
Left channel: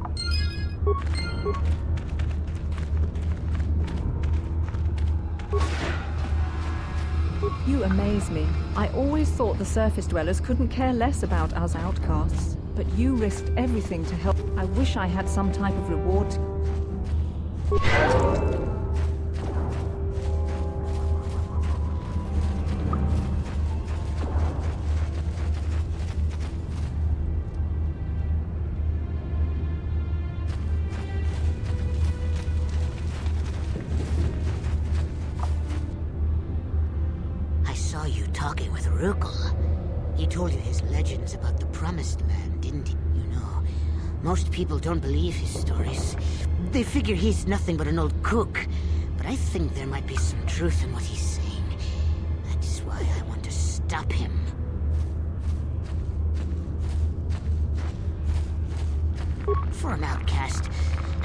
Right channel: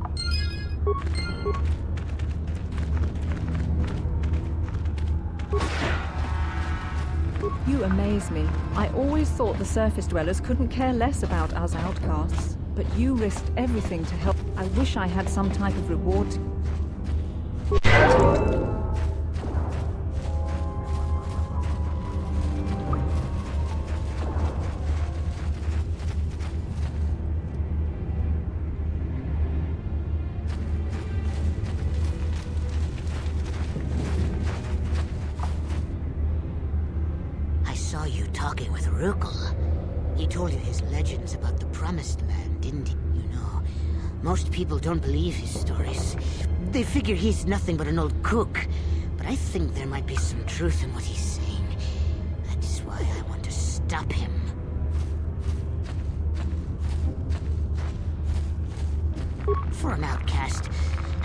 You amaze me. I always thought the surface dwellers couldn't care less about us outcasts, but you risked everything to help. I wish I had some type of reward. I saw you talking with Rukel. He told you his legends about the Promised Land, didn't he? You know, most people don't believe his stories. They figure he's nothing but an old cook. But I think there might be some truth in what he's saying. That's why I want to stop him. For an outcast,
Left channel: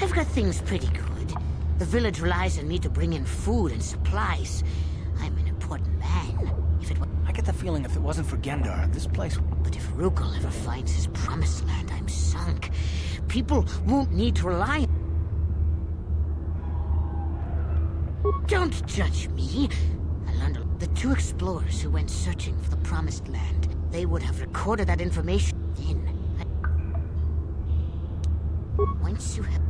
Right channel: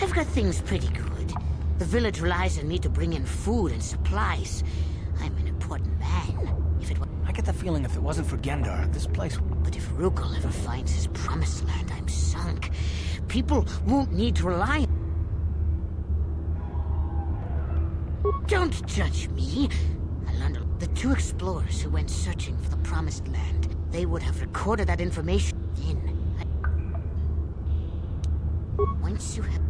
I've got things pretty good. The village relies on me to bring in food and supplies. I'm an important man. I get the feeling if it wasn't for Gendar, this place... But if Rukel ever finds his Promised Land, I'm sunk. People won't need to rely on... Don't judge me. I learned the two explorers who went searching for the Promised Land. They would have recorded that information then. Once you have...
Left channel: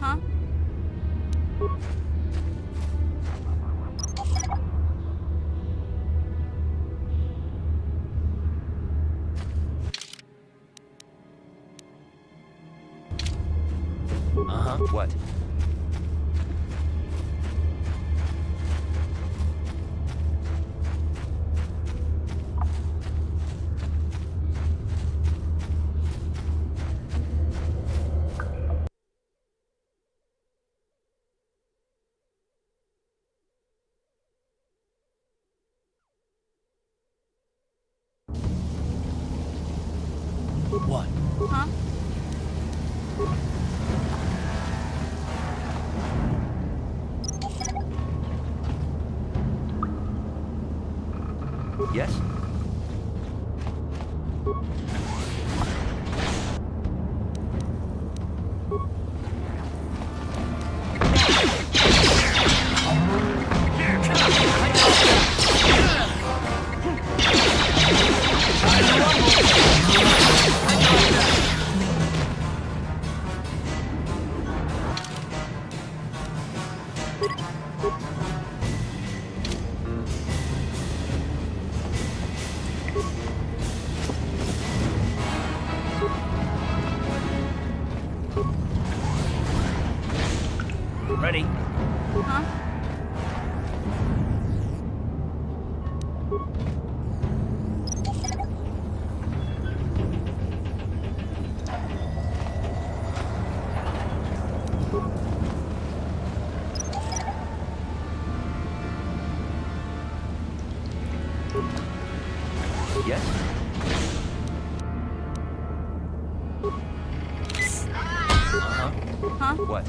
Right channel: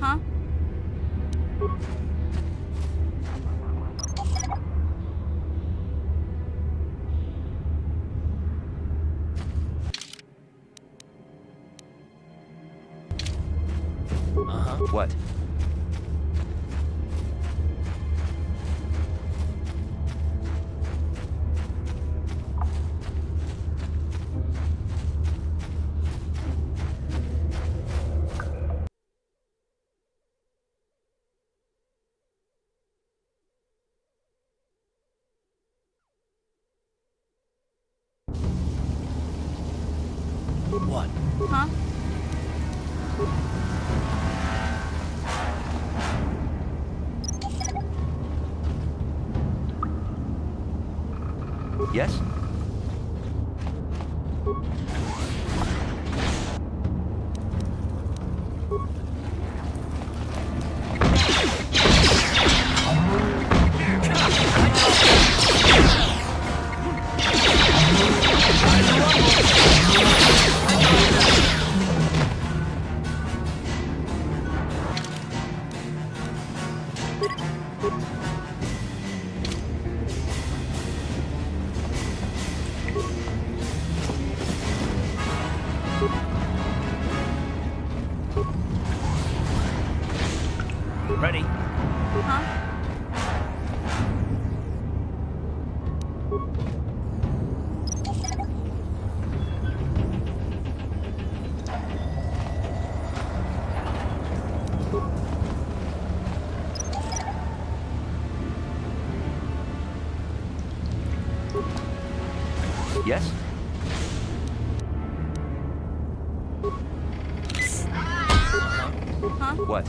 Huh? Uh-huh. What? What? Huh? Yes? Ready? Huh? Yes? Huh? What?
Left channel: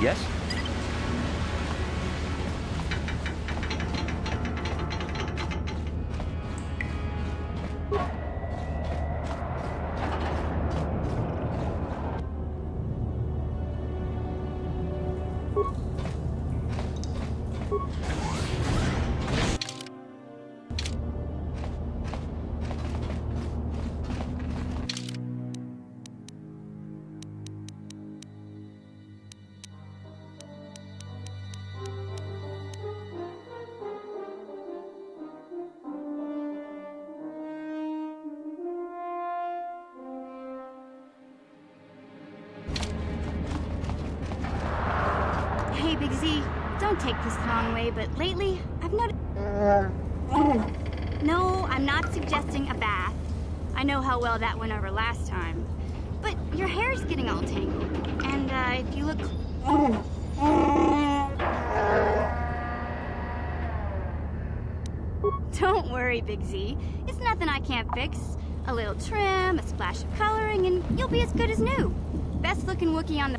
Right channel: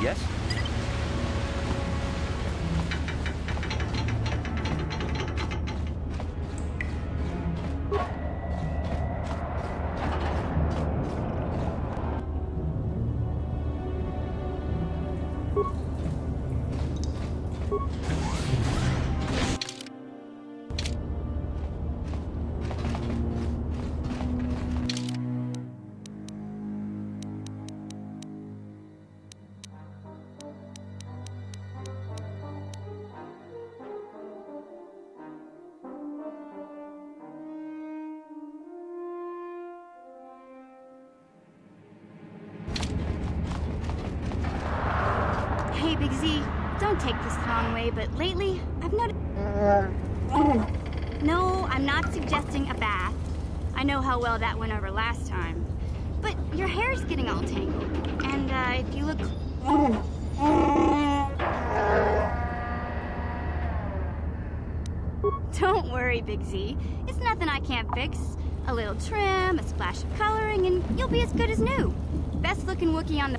Yes? Hey, Big Z, don't take this the wrong way, but lately, I've noticed... No, I'm not suggesting a bath. I know how well that went over last time. But your hair's getting all tangled. And, if you look... Don't worry, Big Z. It's nothing I can't fix. A little trim, a splash of coloring, and you'll be as good as new. Best looking Wookiee on the...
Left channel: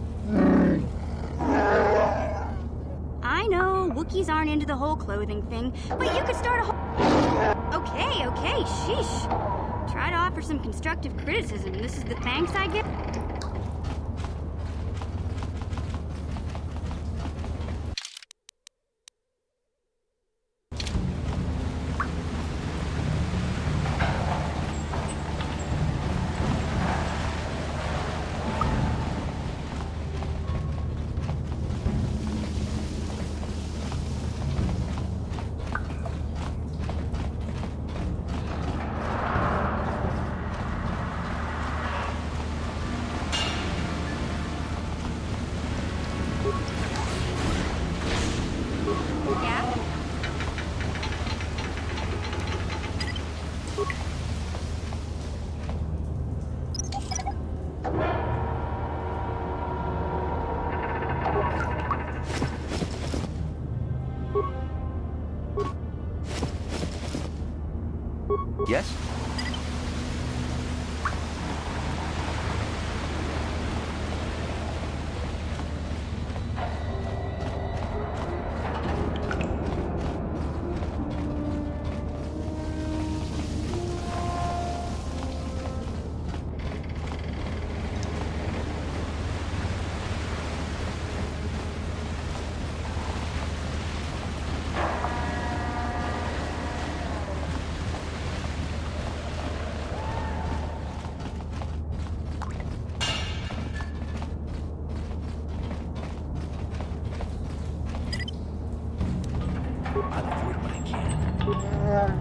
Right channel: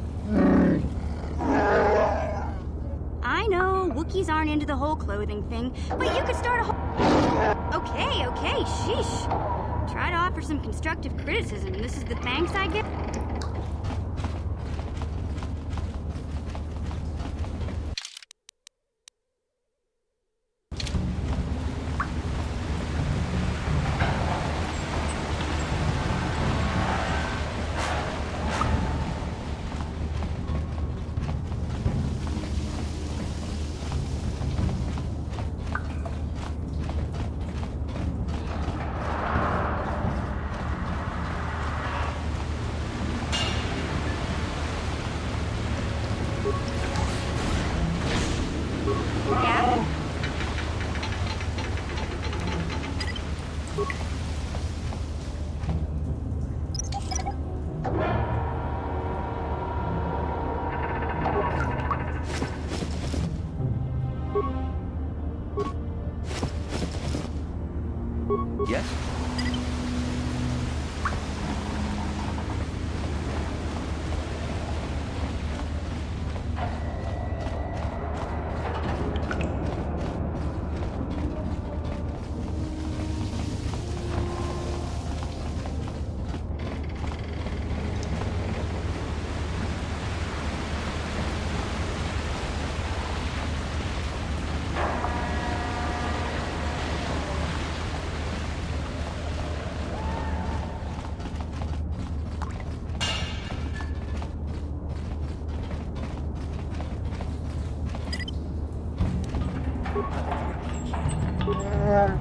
I know, Wookiees aren't into the whole clothing thing, but you could start a whole... Okay, sheesh. Try to offer some constructive criticism, and this is the thanks I get? Yes? I'll avoid what I can. What?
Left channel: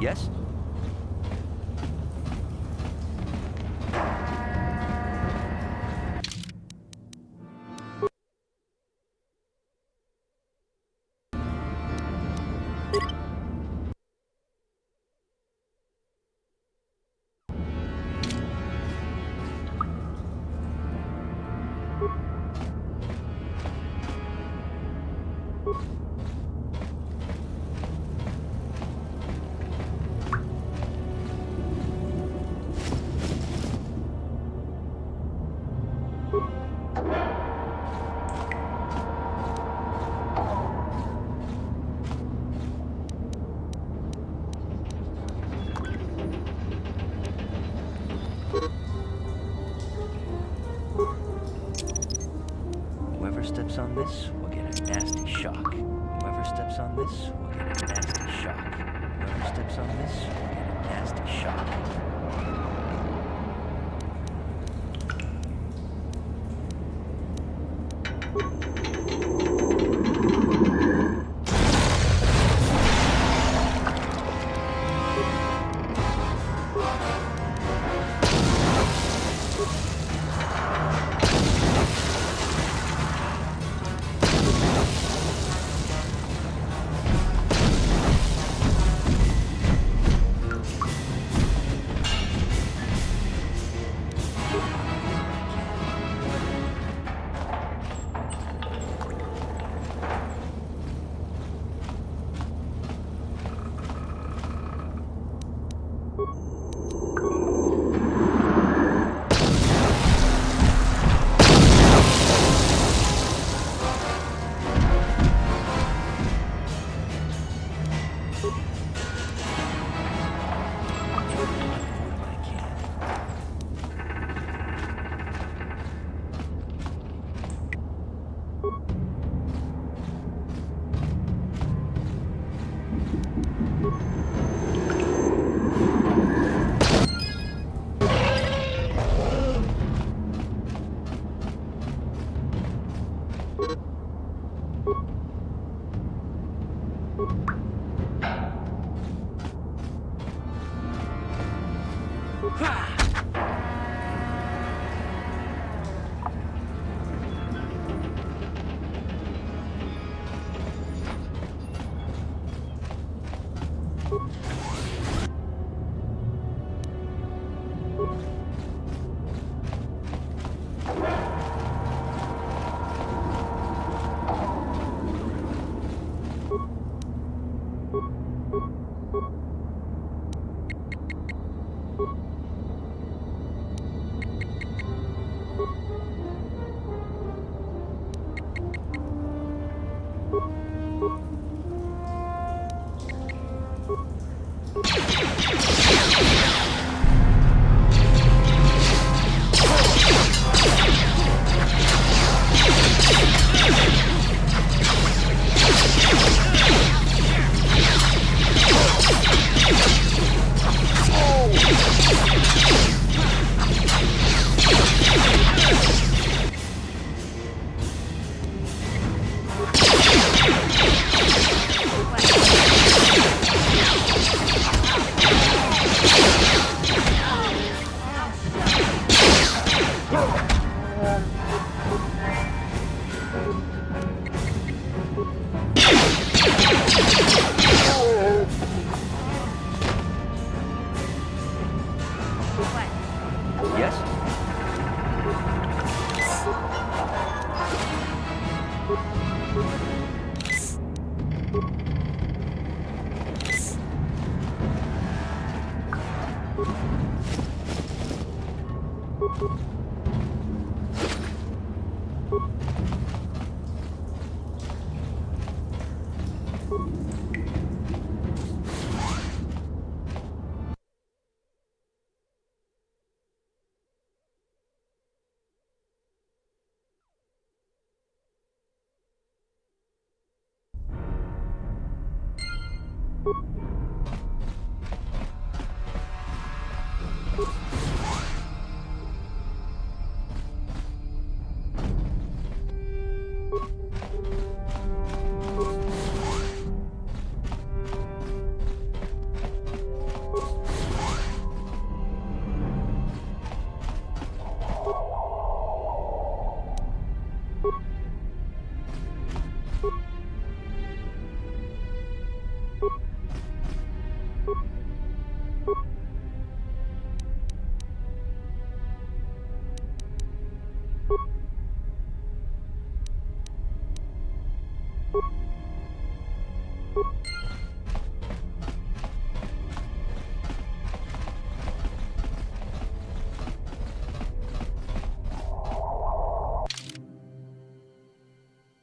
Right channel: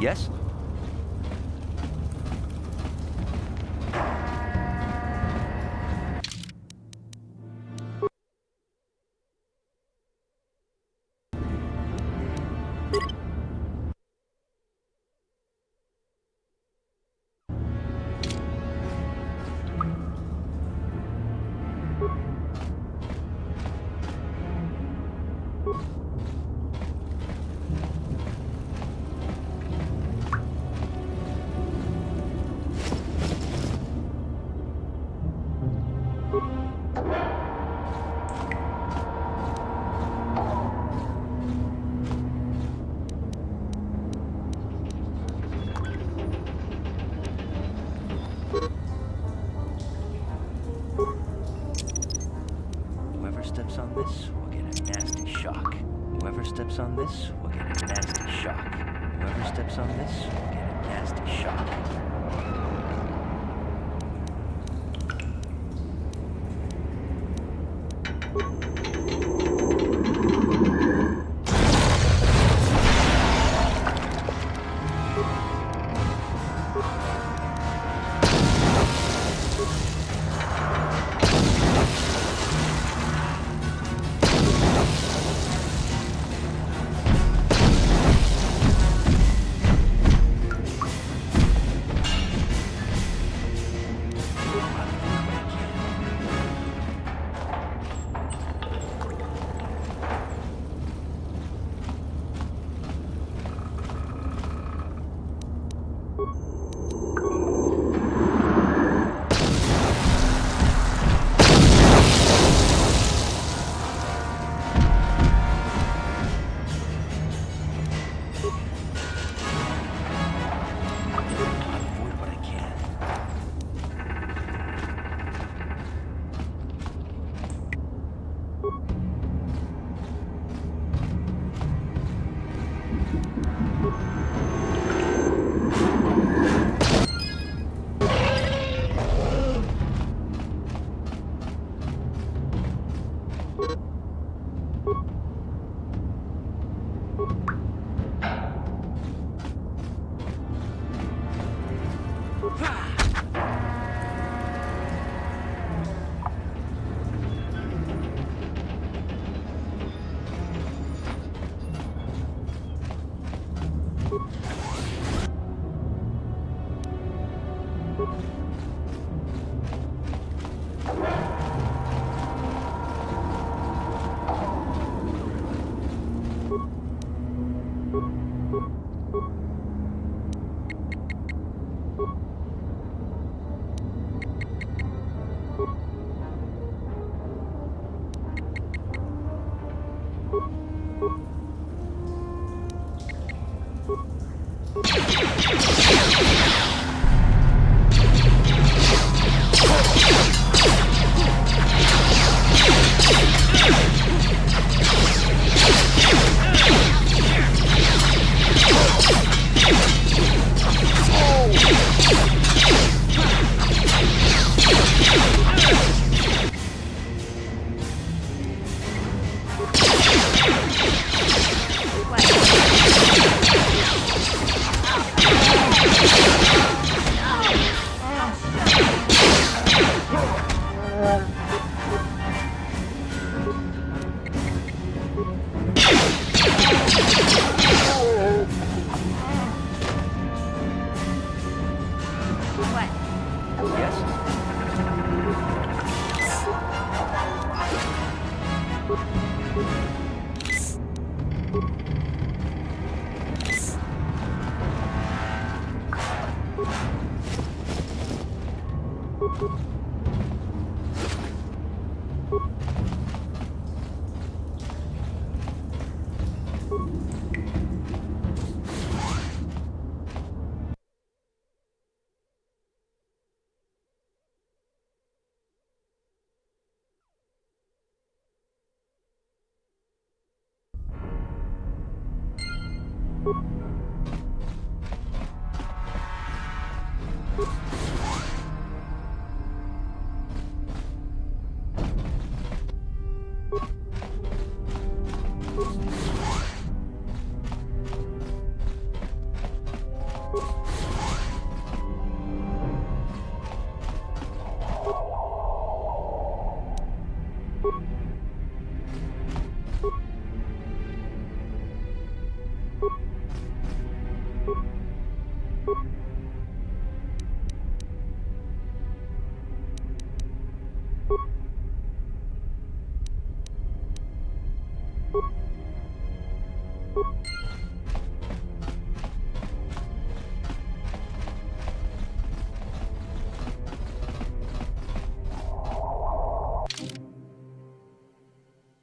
Yes? Whoever steps on this will get a nasty shock. Whoever steps on this will get a nasty shock. Whoever steps on this will get a nasty shock. You